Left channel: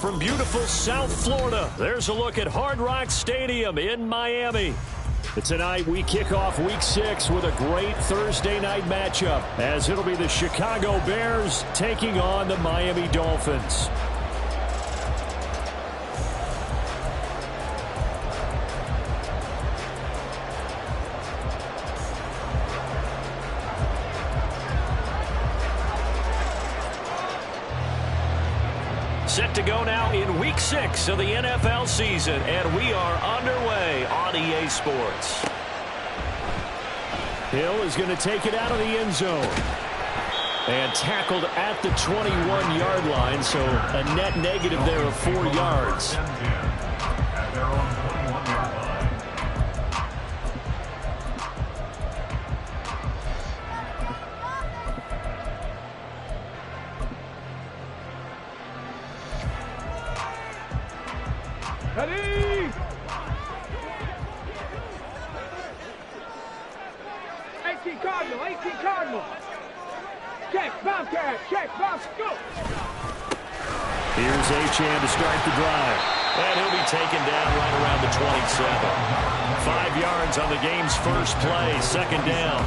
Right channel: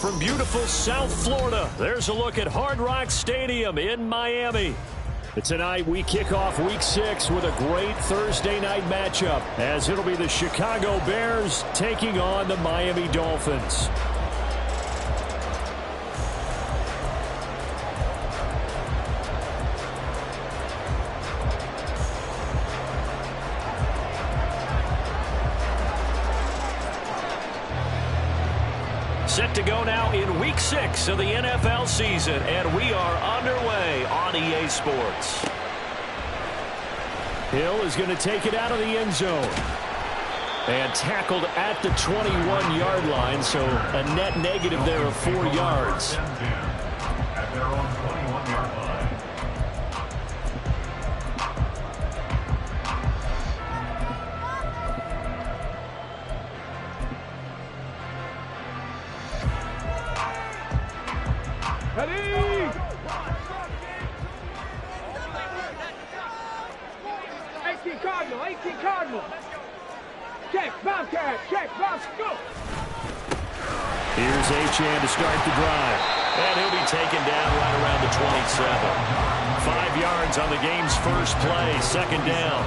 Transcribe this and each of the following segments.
from beautiful South Florida. There's a look at Hard Rock Stadium in Miami. Tonight we kick off Week 6 with a great Thursday night matchup, as it'll be the Chicago Bears taking on the Miami Dolphins. Set to go now in Week 6 of the NFL season, and we are underway on EA Sports. Hill is going to take it out of the end zone. And tackled at the 21-yard line, so a net negative there of 4 yards. At their own 21-yard line. Ready! 18 Cardinal, 18 Cardinal. Check, Bobcat, check, Bob, go! Here's Achane to start the drive. And he'll be taken down right around the 27. 5 yards on the game's first play, second down.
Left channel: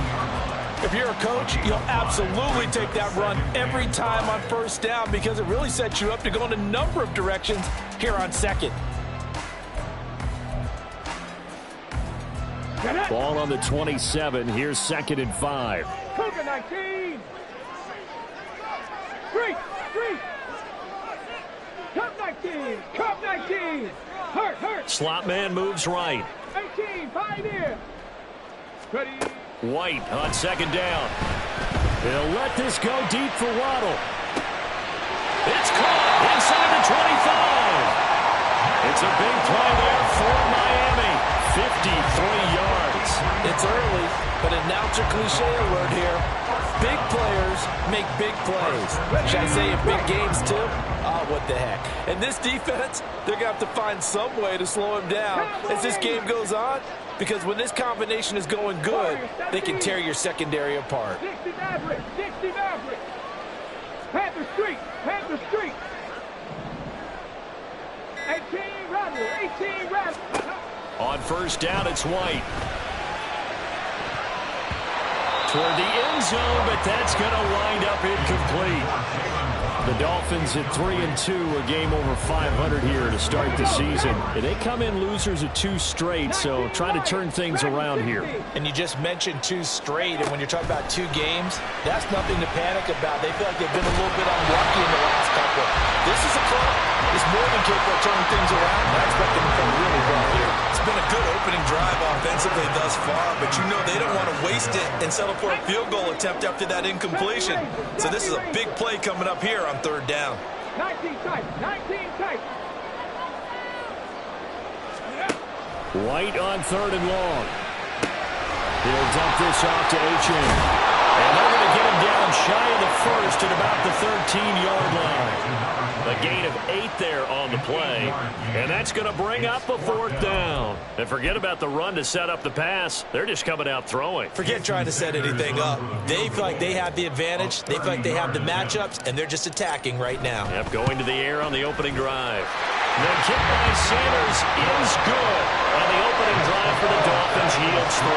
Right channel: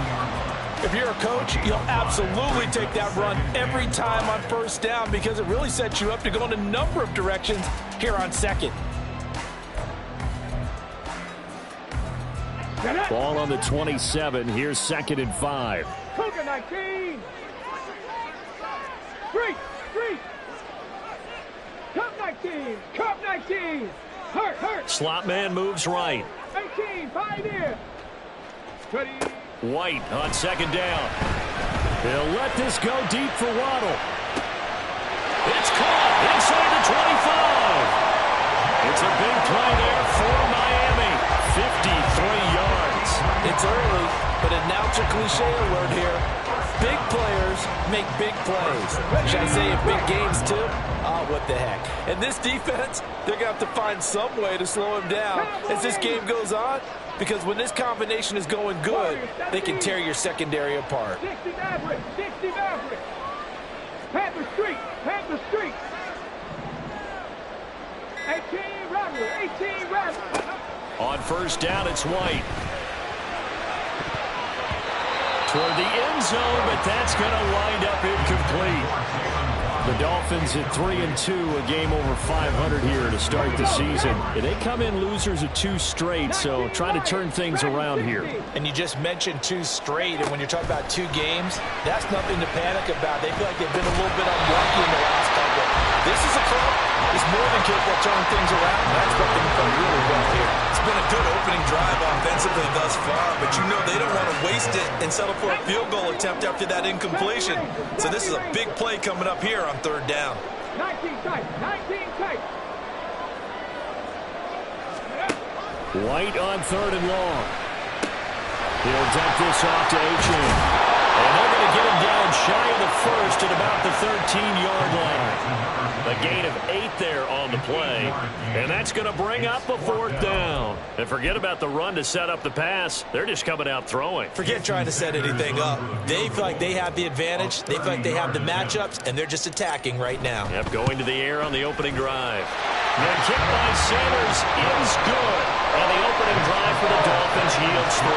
If you're a coach, you'll absolutely take that run every time on first down because it really sets you up to go in a number of directions here on second. Ball on the 27. Here's 2nd and 5. Cougar 19. Street. Cup 19. Cup 19. Hurt. Slot man moves right. 18. Pioneer. Ready. White on 2nd down. He'll let this go deep for Waddle. It's caught inside the 25. It's a big play there for Miami. 53 yards. It's early, but announcer cliche alert here. Big players make big plays. Should I say in big games too? Oh, what the heck. And this defense, they're going to have to find some way to slow him down as this game goes on, because when this combination is going good, they can tear your secondary apart. 60 Maverick. Panther Street. 18 Rattler. On first down, it's White. Toward the end zone, but that's going to wind up incomplete. The Dolphins at 3-2, a game over 500 here to start the season. They come in losers of 2 straight, so try to turn things around here. And you just mentioned 2 straight, and when you're talking about 2 games, that's nothing to panic about. They feel like they've been a little bit unlucky in the last couple. This is a club that's more than capable of turning things around, and I expect them to play really well here. It's been a good opening drive offensively thus far, but you know they don't want to waste it and settle for a field goal attempt after that incompletion. So this is a big play coming up here on 3rd down. 19 tight. White on 3rd and long. He'll dump this off to Achane. And they're going to get him down shy of the 1st at about the 13-yard line. A gain of 8 there on the play. And that's going to bring up a 4th down. And forget about the run to set up the pass. They're just coming out throwing. Forget trying to set anything up. They feel like they have the advantage. They feel like they have the matchups, and they're just attacking right now. Yep, going to the air on the opening drive. The kick by Sanders is good. And the opening drive for the Dolphins yields 3.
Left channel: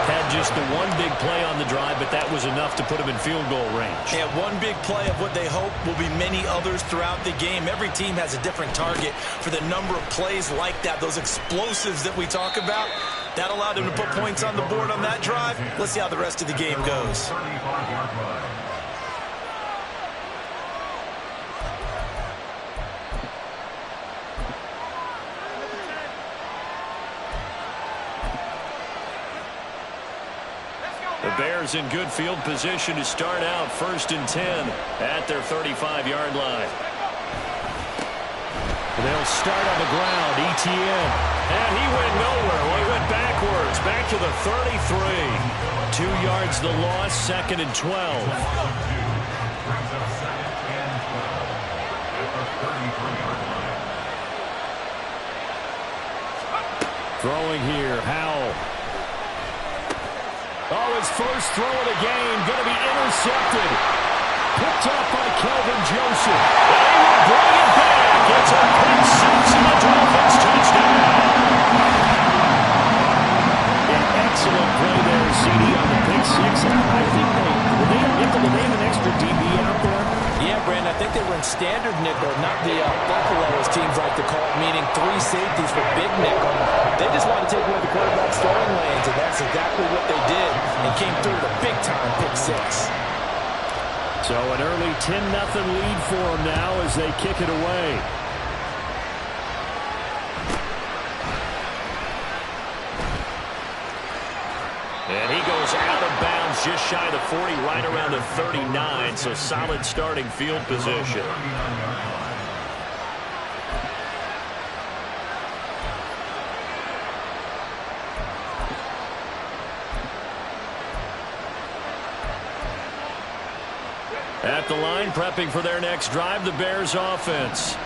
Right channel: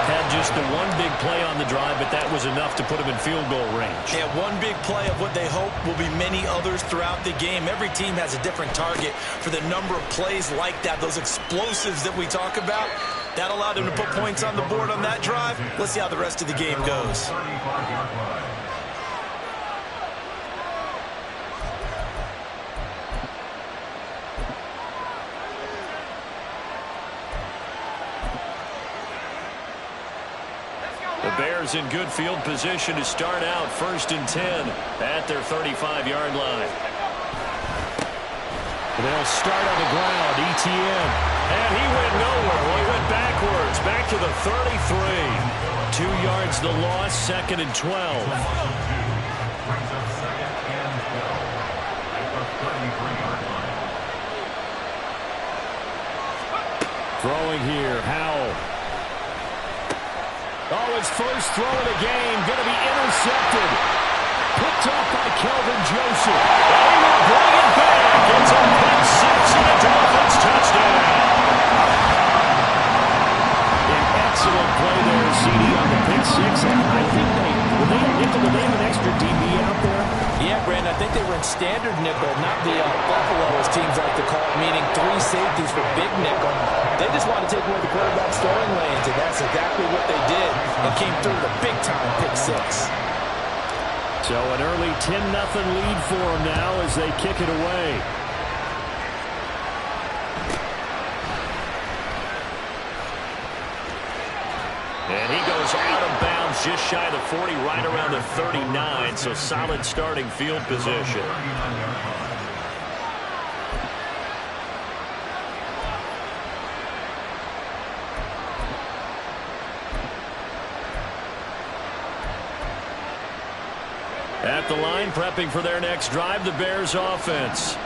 Had just the one big play on the drive, but that was enough to put him in field goal range. Yeah, one big play of what they hope will be many others throughout the game. Every team has a different target for the number of plays like that, those explosives that we talk about. That allowed them to put points on the board on that drive. Let's see how the rest of the game goes. The Bears in good field position to start out 1st and 10 at their 35-yard line. They'll start on the ground, Etienne. And he went nowhere. Well, he went backwards, back to the 33. 2 yards the loss, 2nd and 12. Brings up 2nd and 12 at the 33-yard line. Throwing here, Howell. Oh, his first throw of the game, going to be intercepted. picked off by Kelvin Joseph. And he will bring it back. It's a pick six and a Dolphins touchdown. An excellent play there, CD, on the pick six. I think they have an extra DB out there? Yeah, Brandon, I think they were in standard nickel, not the Buffalo, as teams like to call it, meaning 3 safeties for big nickel. They just wanted to take away the quarterback's throwing lanes, and that's exactly what they did, and came through with a big-time pick six. So an early 10-0 lead for them now as they kick it away. And he goes out of bounds just shy of the 40, right around the 39, so solid starting field position. At the line, prepping for their next drive, the Bears offense.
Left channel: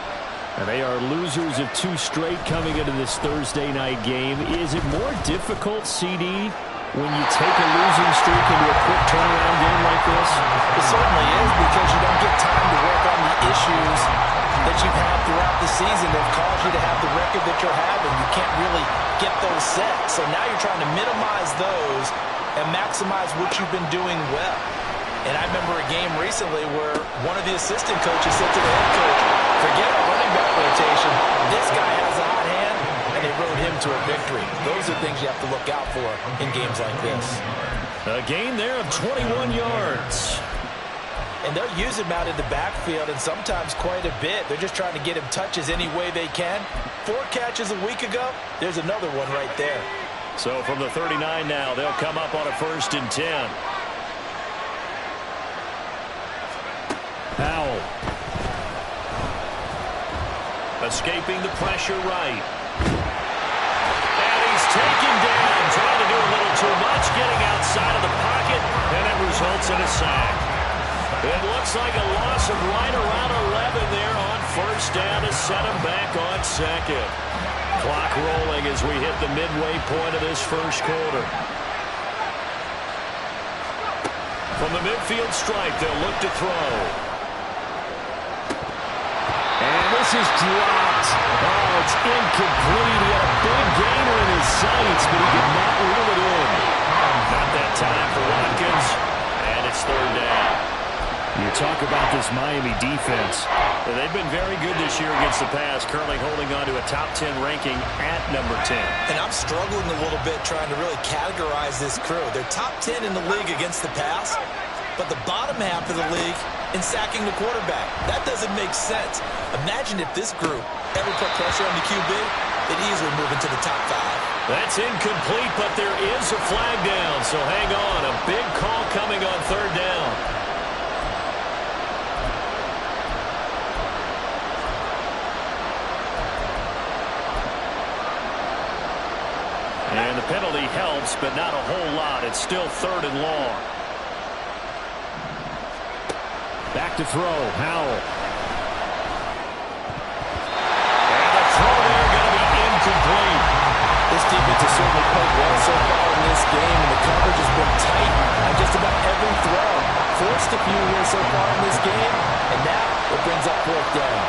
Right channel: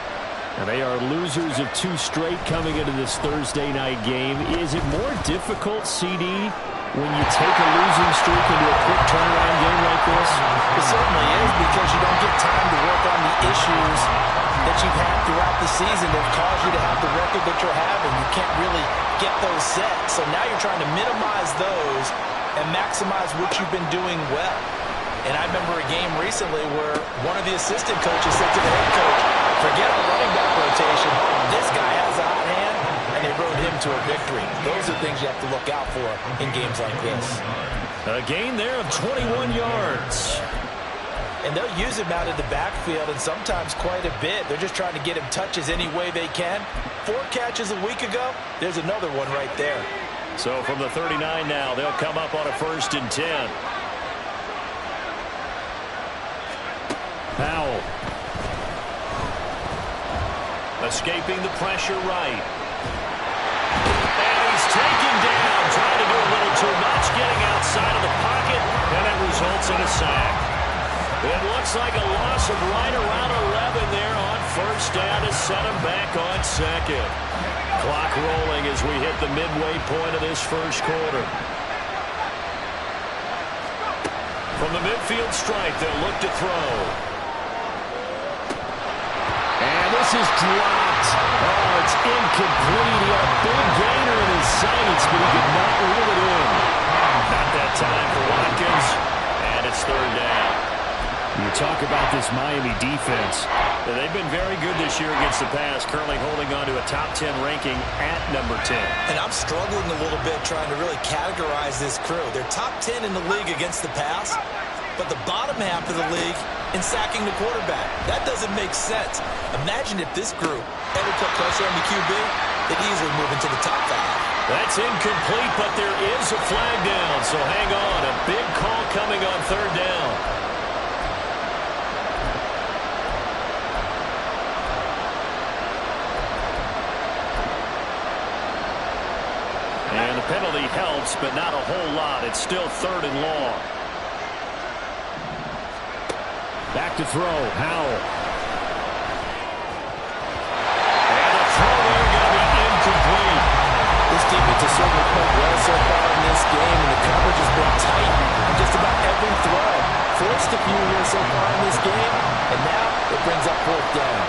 And they are losers of 2 straight coming into this Thursday night game. Is it more difficult, CD, when you take a losing streak into a quick turnaround game like this? It certainly is, because you don't get time to work on the issues that you've had throughout the season that have caused you to have the record that you're having. You can't really get those set. So now you're trying to minimize those and maximize what you've been doing well. And I remember a game recently where one of the assistant coaches said to the head coach, forget our running back rotation. This guy has a hot hand, and they rode him to a victory. Those are things you have to look out for in games like this. A gain there of 21 yards. And they'll use him out in the backfield, and sometimes quite a bit. They're just trying to get him touches any way they can. 4 catches a week ago. There's another one right there. So from the 39 now, they'll come up on a 1st and 10. Powell. Escaping the pressure right. And he's taken down, trying to do a little too much, getting outside of the pocket, and it results in a sack. It looks like a loss of right around 11 there on 1st down to set him back on 2nd. Clock rolling as we hit the midway point of this 1st quarter. From the midfield stripe, they'll look to throw. And this is dropped. Oh, it's incomplete. He had a big gainer in his sights, but he could not reel it in. Not that time for Watkins, and it's 3rd down. You talk about this Miami defense. They've been very good this year against the pass, currently holding on to a top 10 ranking at number 10. And I'm struggling a little bit trying to really categorize this crew. They're top 10 in the league against the pass, but the bottom half of the league in sacking the quarterback. That doesn't make sense. Imagine if this group ever put pressure on the QB, they'd easily move into the top 5. That's incomplete, but there is a flag down, so hang on. A big call coming on 3rd down. And the penalty helps, but not a whole lot. It's still 3rd and long. Back to throw, Howell. And the throw there going to be incomplete. This defense has certainly played well so far in this game, and the coverage has been tight on just about every throw. Forced a few here so far in this game, and now it brings up 4th down.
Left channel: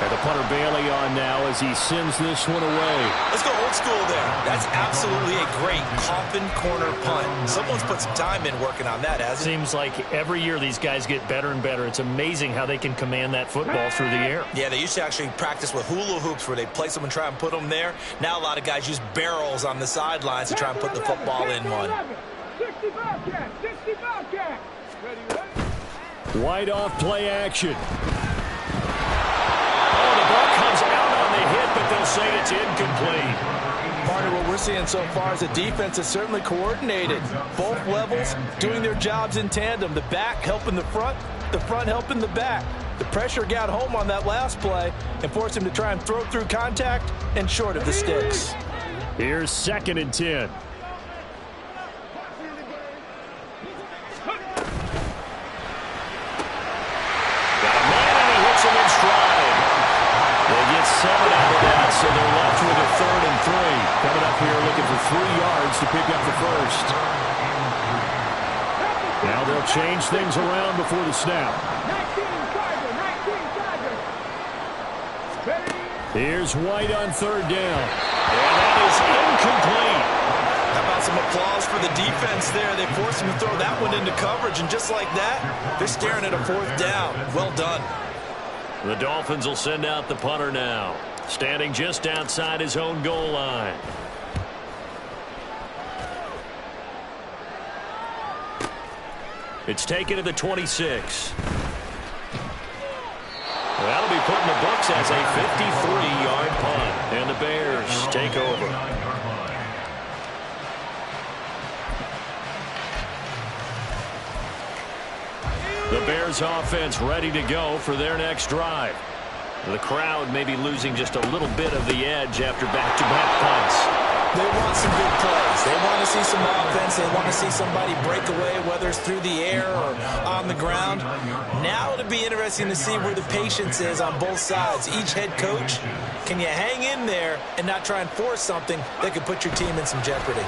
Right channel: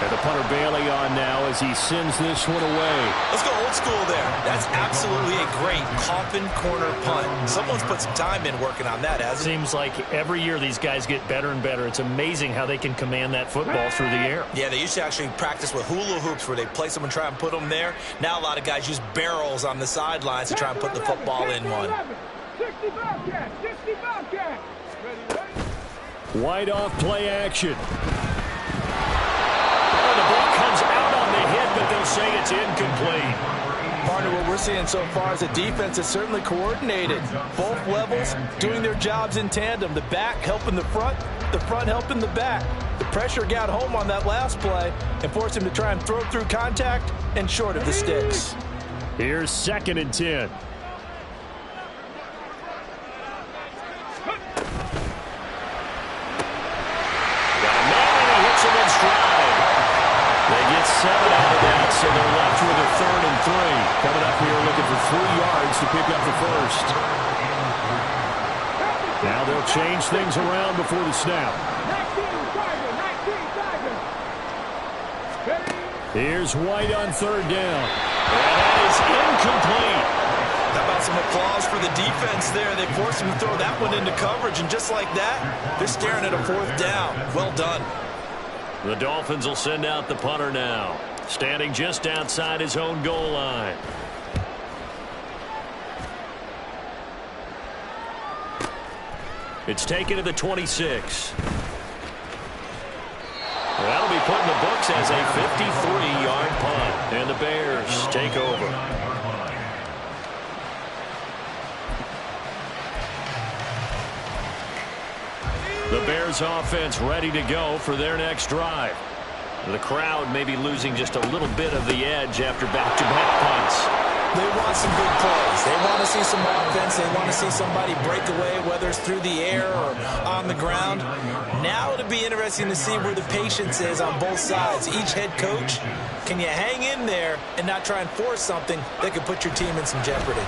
And the punter Bailey on now as he sends this one away. Let's go old school there. That's absolutely a great coffin corner punt. Someone's put some time in working on that, hasn't it? Seems like every year these guys get better and better. It's amazing how they can command that football through the air. Yeah, they used to actually practice with hula hoops where they place them and try and put them there. Now a lot of guys use barrels on the sidelines to try and put the football in one. 60 Bobcats, 60 Bobcats. Ready? Wide off play action. Oh, the ball comes out on the hit, but they'll say it's incomplete. Partner, what we're seeing so far is a defense that's certainly coordinated. Both levels doing their jobs in tandem. The back helping the front helping the back. The pressure got home on that last play and forced him to try and throw through contact and short of the sticks. Here's 2nd and 10. Got a man and he hits him in stride. They get 7 out of that, so they're left with a 3rd and 3. Coming up here looking for 3 yards to pick up the 1st. Now they'll change things around before the snap. 19 Chargers. Ready? Here's White on third down. And that is incomplete. How about some applause for the defense there? They forced him to throw that one into coverage, and just like that, they're staring at a fourth down. Well done. The Dolphins will send out the punter now, standing just outside his own goal line. It's taken to the 26. That'll be put in the books as a 53-yard punt. And the Bears take over. The Bears offense ready to go for their next drive. The crowd may be losing just a little bit of the edge after back-to-back punts. They want some big plays. They want to see some offense. They want to see somebody break away, whether it's through the air or on the ground. Now it'll be interesting to see where the patience is on both sides. Each head coach, can you hang in there and not try and force something that could put your team in some jeopardy?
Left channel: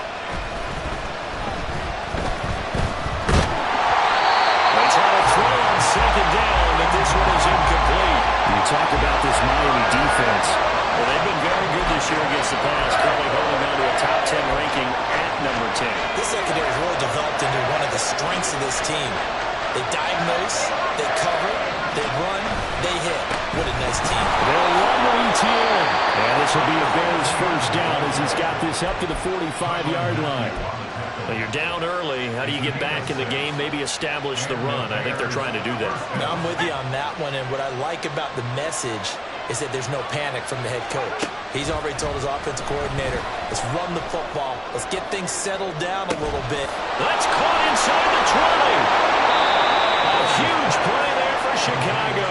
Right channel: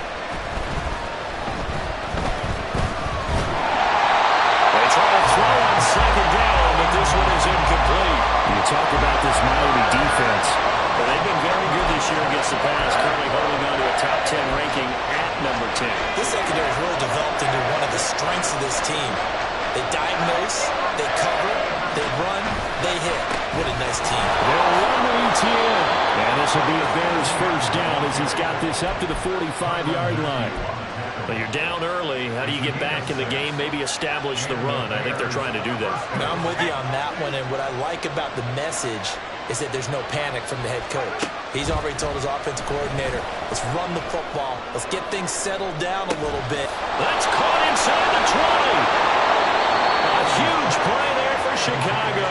They try to throw on second down, but this one is incomplete. You talk about this Miami defense. Well, they've been very good this year against the pass, currently holding on to a top 10 ranking at number 10. This secondary has really developed into one of the strengths of this team. They diagnose, they cover, they run, they hit. What a nice team. They'll run with ETN. And this will be a Bears first down as he's got this up to the 45-yard line. But you're down early. How do you get back in the game, maybe establish the run? I think they're trying to do that. I'm with you on that one, and what I like about the message is that there's no panic from the head coach. He's already told his offensive coordinator, let's run the football. Let's get things settled down a little bit. That's caught inside the 20. A huge play there for Chicago.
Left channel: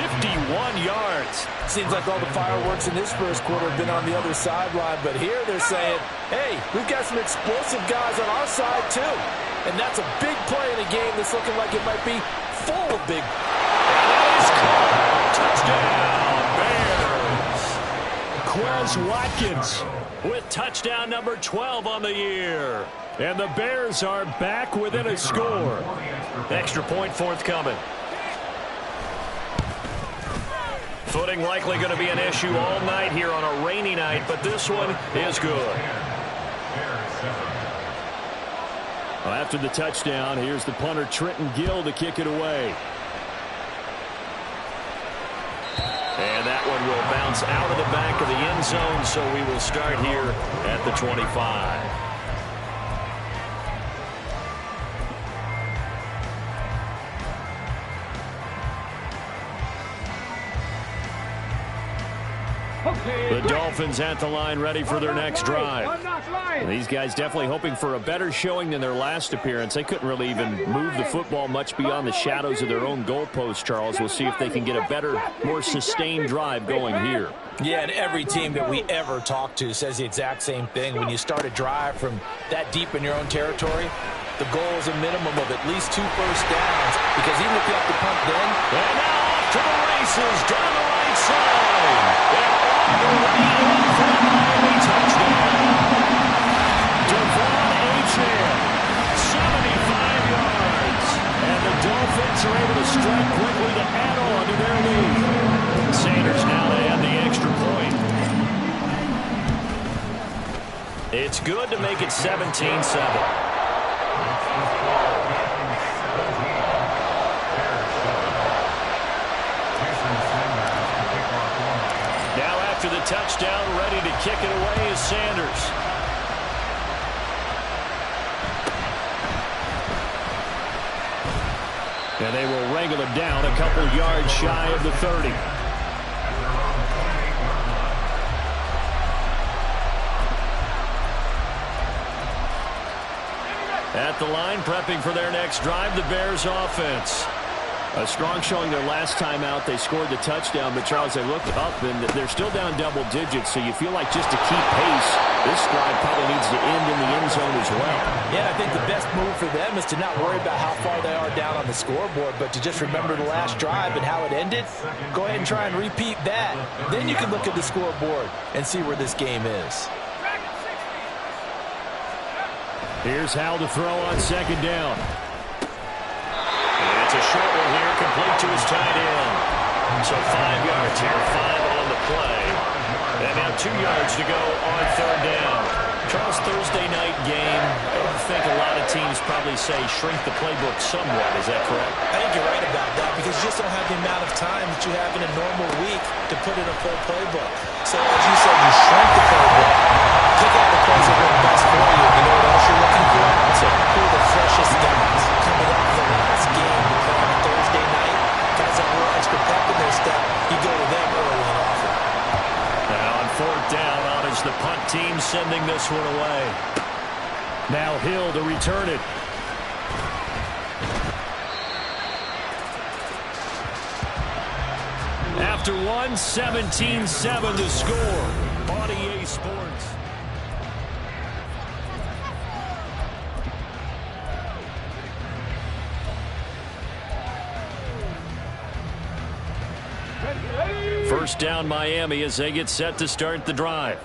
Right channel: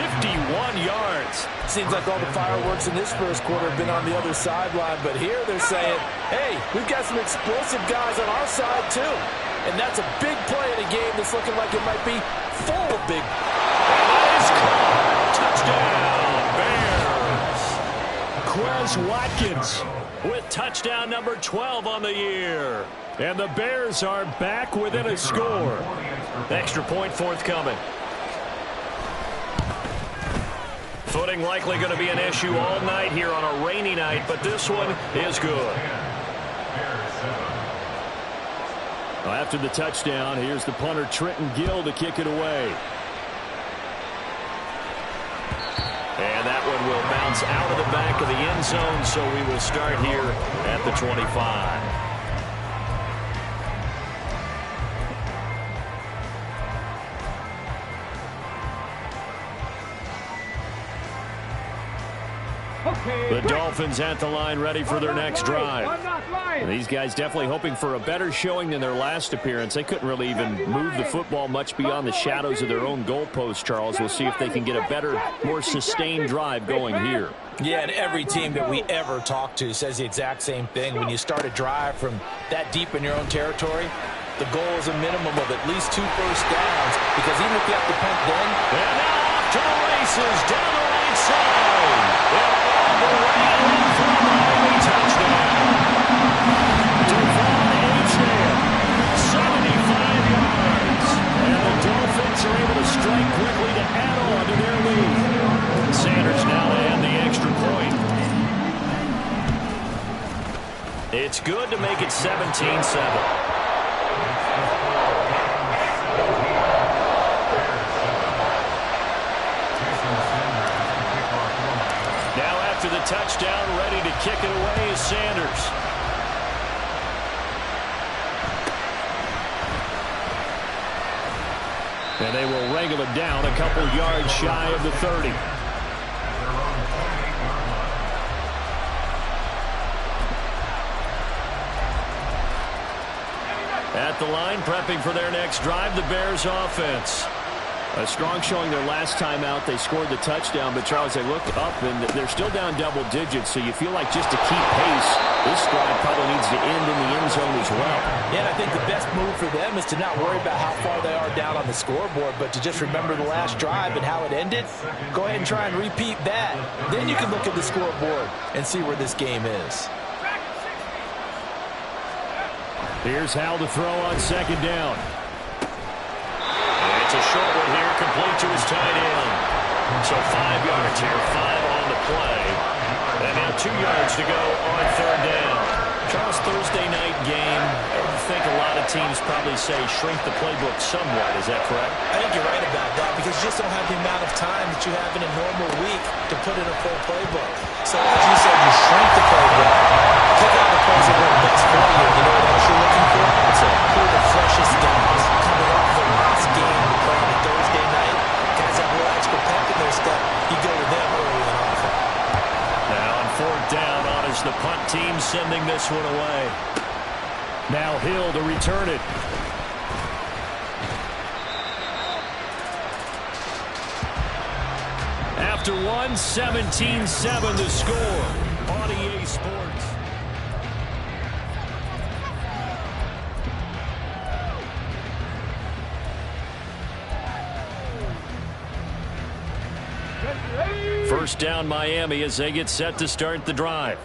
51 yards. Seems like all the fireworks in this first quarter have been on the other sideline, but here they're saying, hey, we've got some explosive guys on our side too. And that's a big play in a game that's looking like it might be full of big. And that is caught. Touchdown, Bears. Quez Watkins with touchdown number 12 on the year. And the Bears are back within a score. Extra point forthcoming. Footing likely going to be an issue all night here on a rainy night, but this one is good. Well, after the touchdown, here's the punter Trenton Gill to kick it away. And that one will bounce out of the back of the end zone, so we will start here at the 25. The Dolphins at the line ready for their next drive. And these guys definitely hoping for a better showing than their last appearance. They couldn't really even move the football much beyond the shadows of their own goalpost, Charles. We'll see if they can get a better, more sustained drive going here. Yeah, and every team that we ever talk to says the exact same thing. When you start a drive from that deep in your own territory, the goal is a minimum of at least 2 first downs, because even if you have to punt then. And now off to the races down the right side. And all the way in for the Miami touchdown. Devon Achane, 75 yards. And the Dolphins are able to strike quickly to add on to their lead. Sanders now to add the extra point. It's good to make it 17-7. Now after the touchdown, ready to kick it away is Sanders. And they will wrangle it down a couple yards shy of the 30. At the line, prepping for their next drive, the Bears offense. A strong showing their last time out. They scored the touchdown, but Charles, they looked up, and they're still down double digits, so you feel like just to keep pace, this drive probably needs to end in the end zone as well. Yeah, and I think the best move for them is to not worry about how far they are down on the scoreboard, but to just remember the last drive and how it ended. Go ahead and try and repeat that. Then you can look at the scoreboard and see where this game is. Here's Howell to throw on second down. It's a short one here, complete to his tight end. So 5 yards here, 5 on the play. And now 2 yards to go on third down. Charles, Thursday night game, I think a lot of teams probably say shrink the playbook somewhat. Is that correct? I think you're right about that because you just don't have the amount of time that you have in a normal week to put in a full playbook. So as you said, you shrink the playbook, pick out the plays that work best for you. You know what else you're looking for? So who are the freshest guys coming off the last game to play on a Thursday night? Guys that have a little extra pep in their step, you go to them early and often. Now on fourth down, on is the punt team sending this one away. Now Hill to return it. After one, 17-7 the score on EA Sports. First down Miami as they get set to start the drive.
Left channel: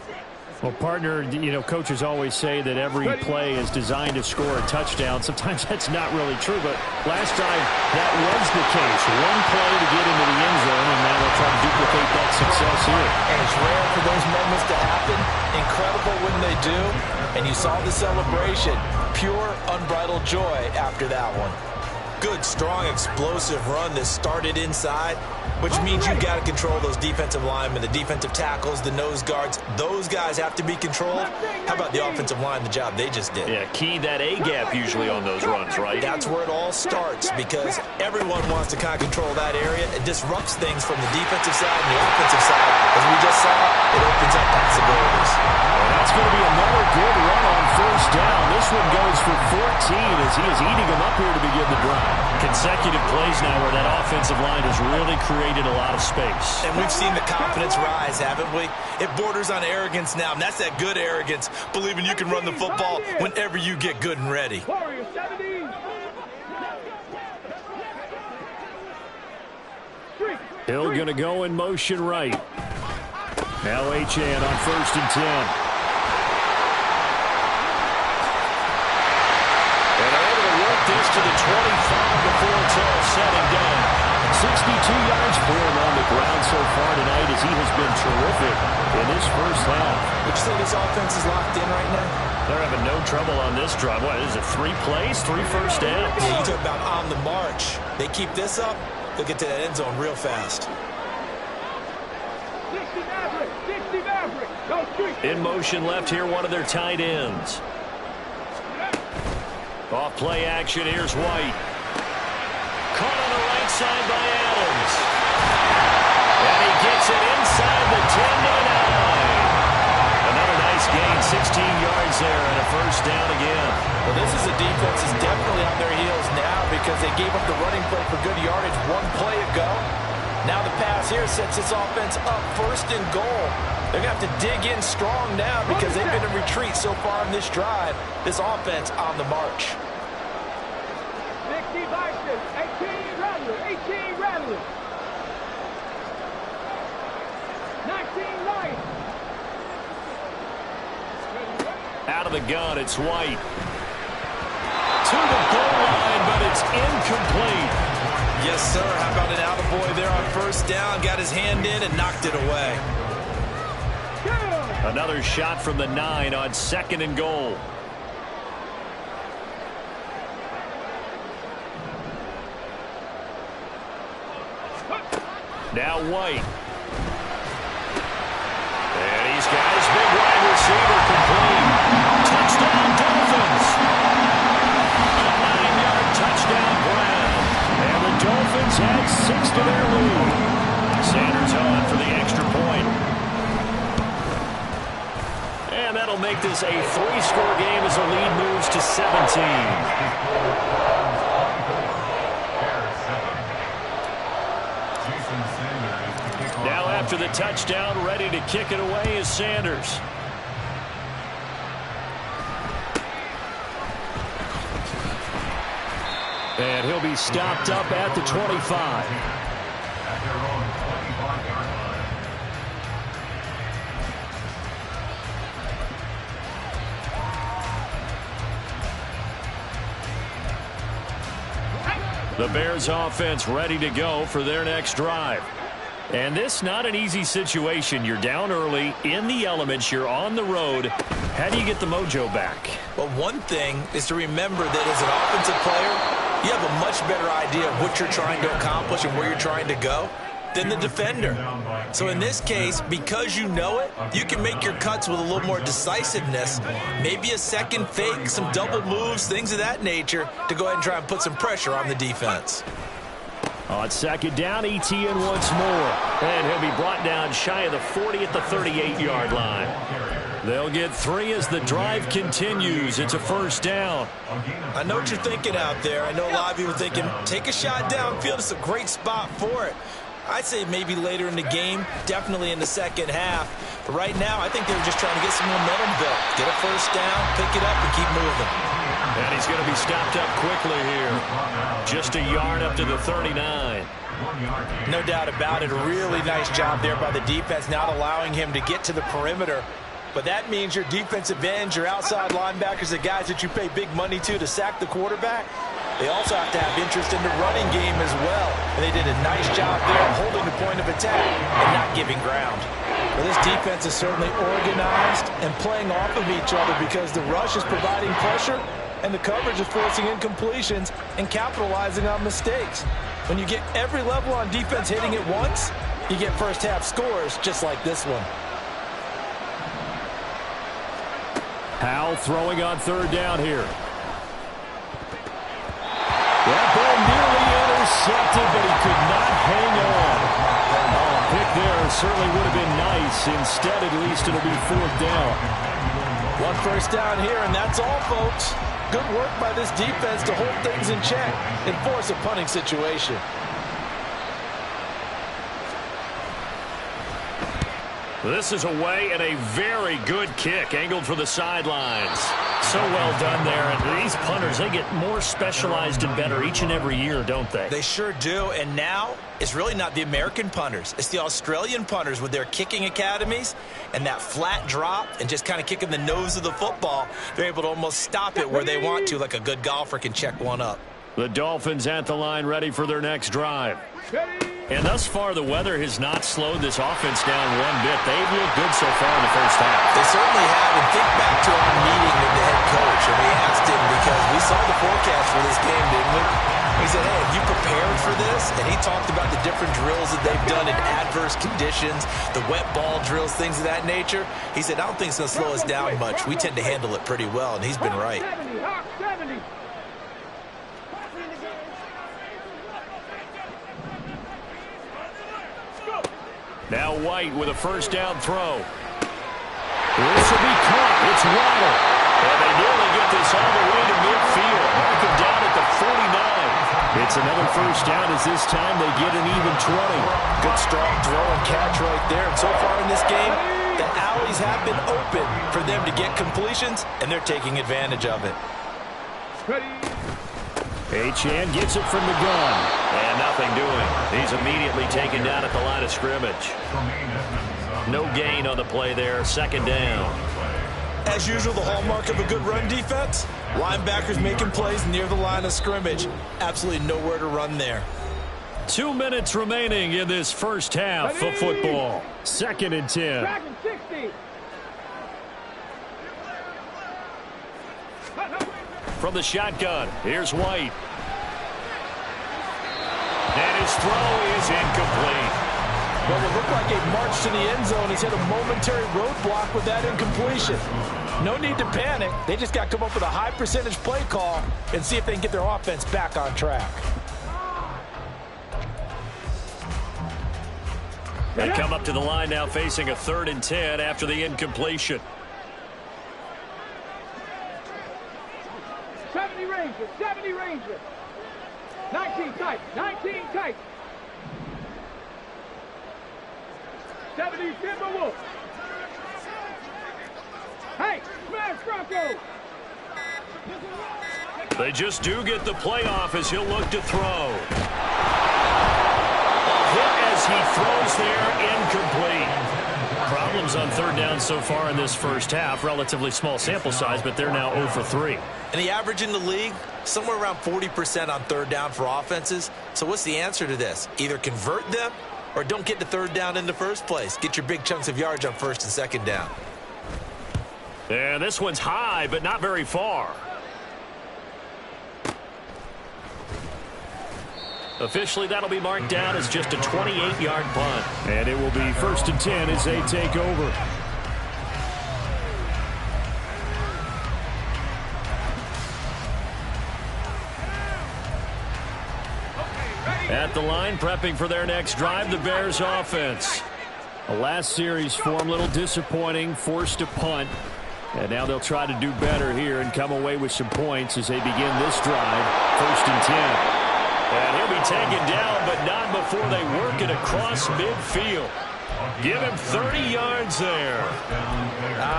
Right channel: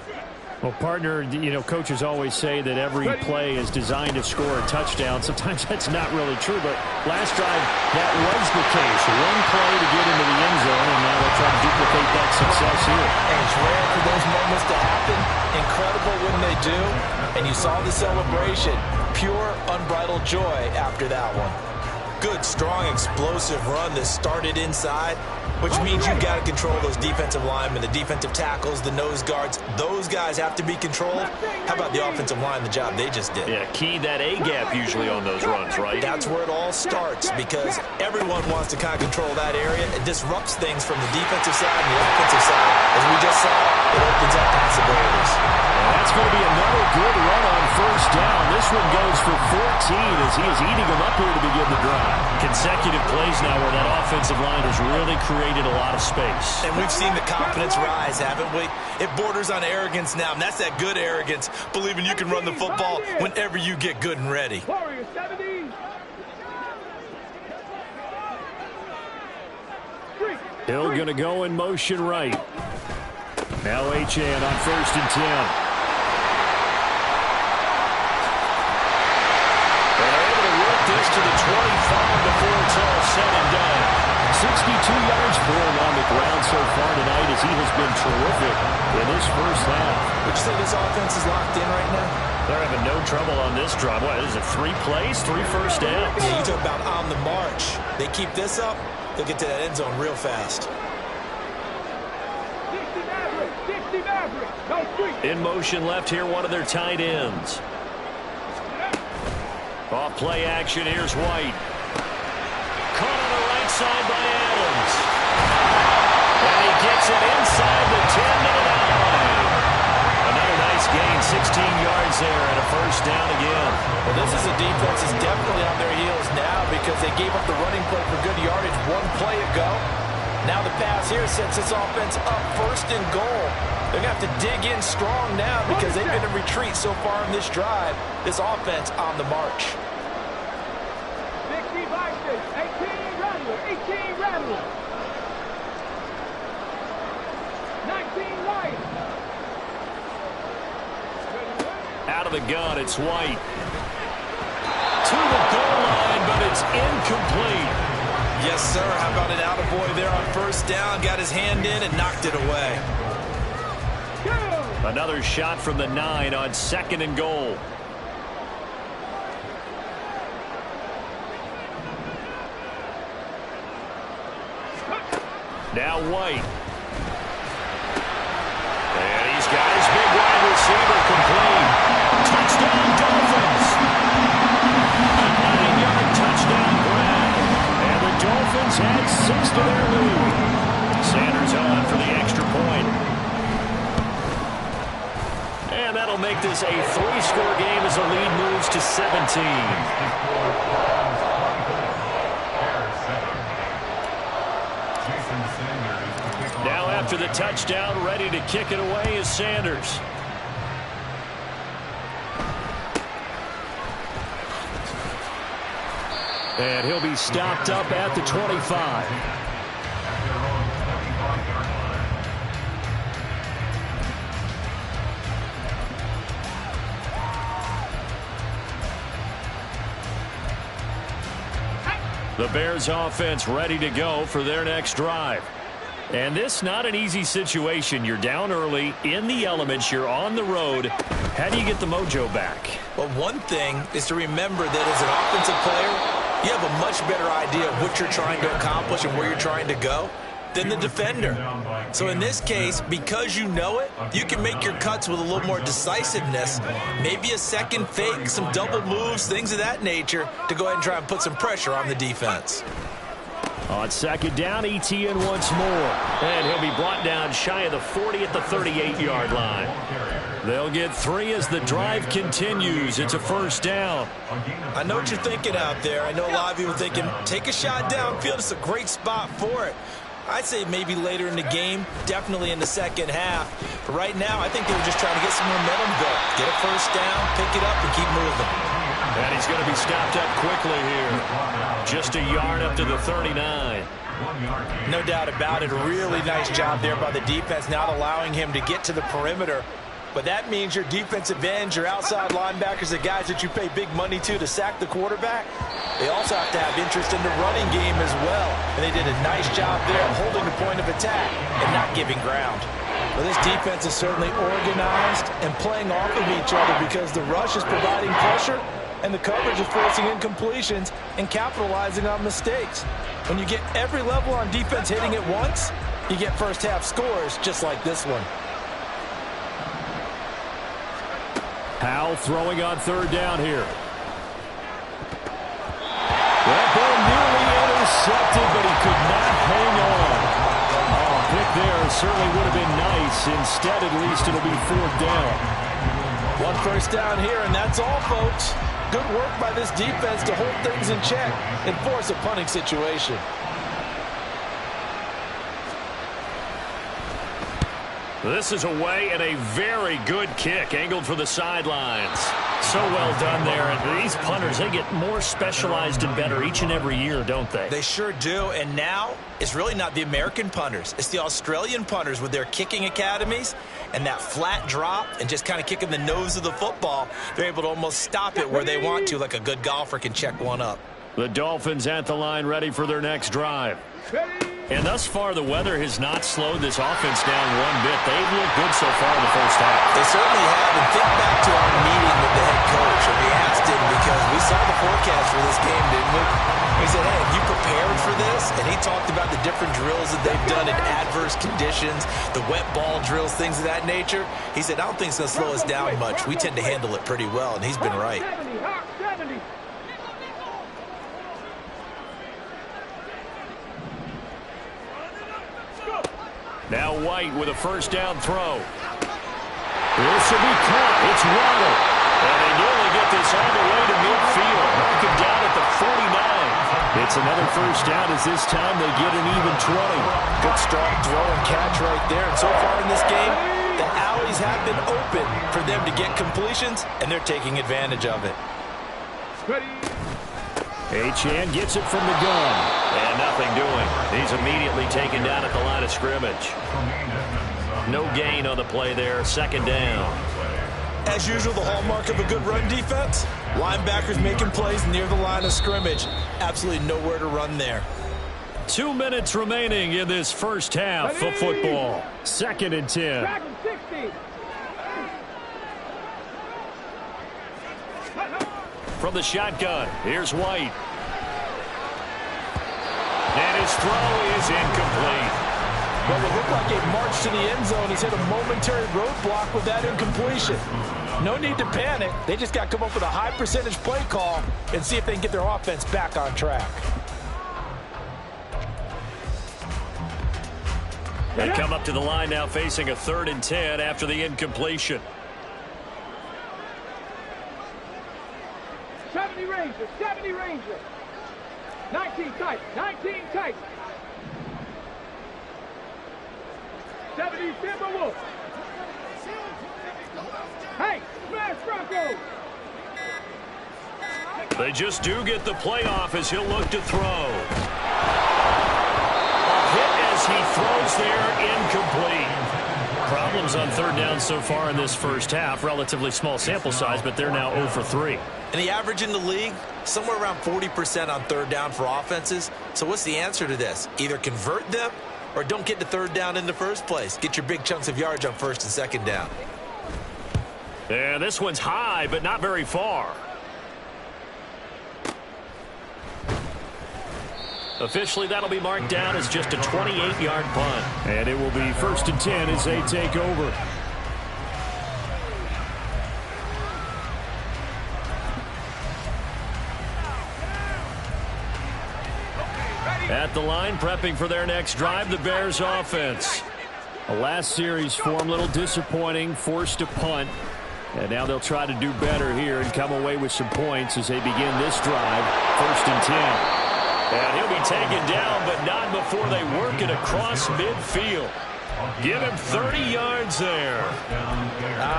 Well, partner, you know, coaches always say that every play is designed to score a touchdown. Sometimes that's not really true, but last drive, that was the case. One play to get into the end zone, and now they'll try to duplicate that success here. And it's rare for those moments to happen. Incredible when they do. And you saw the celebration. Pure, unbridled joy after that one. Good, strong, explosive run that started inside, which means you've got to control those defensive linemen, the defensive tackles, the nose guards. Those guys have to be controlled. How about the offensive line, the job they just did? Yeah, key that A-gap usually on those runs, right? That's where it all starts because everyone wants to kind of control that area. It disrupts things from the defensive side and the offensive side. As we just saw, it opens up possibilities. And that's going to be another good run on first down. This one goes for 14 as he is eating them up here to begin the drive. Consecutive plays now where that offensive line has really created a lot of space. And we've seen the confidence rise, haven't we? It borders on arrogance now, and that's that good arrogance, believing you can run the football whenever you get good and ready. Warriors 70. Hill going to go in motion right. Now Achane on 1st and 10. And they're able to work this to the 25 before it's all said and done. 62 yards for him on the ground so far tonight as he has been terrific in this first half. Would you say this offense is locked in right now? They're having no trouble on this drive. What is it, 3 plays, 3 first downs? Yeah, you talk about on the march. They keep this up, they'll get to that end zone real fast. 60 Maverick. 60 Maverick. Go street. In motion left here, one of their tight ends. Off play action, here's White. Caught on the right side by Adams. And he gets it inside the 10 to the 9. Another nice gain, 16 yards there, and a first down again. Well, this is a defense that's definitely on their heels now because they gave up the running play for good yardage one play ago. Now the pass here sets this offense up 1st and goal. They're going to have to dig in strong now because they've been in retreat so far in this drive. This offense on the march. 60 Vikings. 18 Rattler. 18 Rattler. 19 Light. Out of the gun, it's White. To the goal line, but it's incomplete. Yes, sir. How about an attaboy there on first down? Got his hand in and knocked it away. Another shot from the 9 on 2nd and goal. Now White. And he's got his big wide receiver complete. Touchdown Dolphins. A 9-yard touchdown grab. And the Dolphins add 6 to their lead. Sanders on for the extra point. And that'll make this a 3-score game as the lead moves to 17. Now after the touchdown, ready to kick it away is Sanders. And he'll be stopped up at the 25. At their own 25-yard line. The Bears offense ready to go for their next drive. And this not an easy situation. You're down early, in the elements, you're on the road. How do you get the mojo back? Well, one thing is to remember that as an offensive player, you have a much better idea of what you're trying to accomplish and where you're trying to go than the defender. So in this case, because you know it, you can make your cuts with a little more decisiveness, maybe a second fake, some double moves, things of that nature, to go ahead and try and put some pressure on the defense. On second down, Etienne once more. And he'll be brought down shy of the 40 at the 38-yard line. They'll get 3 as the drive continues. It's a first down. I know what you're thinking out there. I know a lot of you are thinking, take a shot downfield. It's a great spot for it. I'd say maybe later in the game, definitely in the second half. But right now, I think they were just trying to get some momentum built. Get a first down, pick it up, and keep moving. And he's going to be stopped up quickly here. Just a yard up to the 39. No doubt about it. A really nice job there by the defense, not allowing him to get to the perimeter. But that means your defensive ends, your outside linebackers, the guys that you pay big money to sack the quarterback, they also have to have interest in the running game as well. And they did a nice job there of holding the point of attack and not giving ground. Well, this defense is certainly organized and playing off of each other because the rush is providing pressure and the coverage is forcing incompletions and capitalizing on mistakes. When you get every level on defense hitting at once, you get first half scores just like this one. Howell throwing on third down here. That ball nearly intercepted, but he could not hang on. Oh, pick there certainly would have been nice. Instead, at least it'll be fourth down. One first down here, and that's all, folks. Good work by this defense to hold things in check and force a punting situation. This is away and a very good kick angled for the sidelines. So well done there. And these punters, they get more specialized and better each and every year, don't they? They sure do. And now it's really not the American punters. It's the Australian punters with their kicking academies and that flat drop and just kind of kicking the nose of the football. They're able to almost stop it where they want to, like a good golfer can check one up. The Dolphins at the line ready for their next drive. And thus far, the weather has not slowed this offense down one bit. They've looked good so far in the first half. They certainly have. And think back to our meeting with the head coach. And we asked him because we saw the forecast for this game, didn't we? We said, hey, have you prepared for this? And he talked about the different drills that they've done in adverse conditions, the wet ball drills, things of that nature. He said, I don't think it's going to slow us down much. We tend to handle it pretty well, and he's been right. 70. Now White with a first down throw. This will be caught. It's Waddle. And they nearly get this all the way to midfield. Mark him down at the 49. It's another first down as this time they get an even 20. Good strong throw and catch right there. And so far in this game, the alleys have been open for them to get completions, and they're taking advantage of it. Achane gets it from the gun. And nothing doing. He's immediately taken down at the line of scrimmage. No gain on the play there. Second down. As usual, the hallmark of a good run defense, linebackers making plays near the line of scrimmage. Absolutely nowhere to run there. 2 minutes remaining in this first half of football. Second and 10. Dragon 60. From the shotgun, here's White. And his throw is incomplete. Well, it looked like a march to the end zone. He's hit a momentary roadblock with that incompletion. No need to panic. They just got to come up with a high percentage play call and see if they can get their offense back on track. They come up to the line now facing a 3rd and 10 after the incompletion. 70 Ranger, 70 Ranger. 19 tight, 19 tight. 70 Timberwolf. Hey, smash Bronco. They just do get the playoff as he'll look to throw. A hit as he throws there, incomplete. Problems on third down so far in this first half. Relatively small sample size, but they're now 0 for 3. And the average in the league, somewhere around 40% on third down for offenses. So what's the answer to this? Either convert them or don't get to third down in the first place. Get your big chunks of yards on first and second down. And this one's high, but not very far. Officially, that'll be marked down as just a 28-yard punt. And it will be 1st and 10 as they take over. At the line, prepping for their next drive, the Bears offense. The last series form a little disappointing, forced to punt. And now they'll try to do better here and come away with some points as they begin this drive, 1st and 10. And he'll be taken down, but not before they work it across midfield. Give him 30 yards there.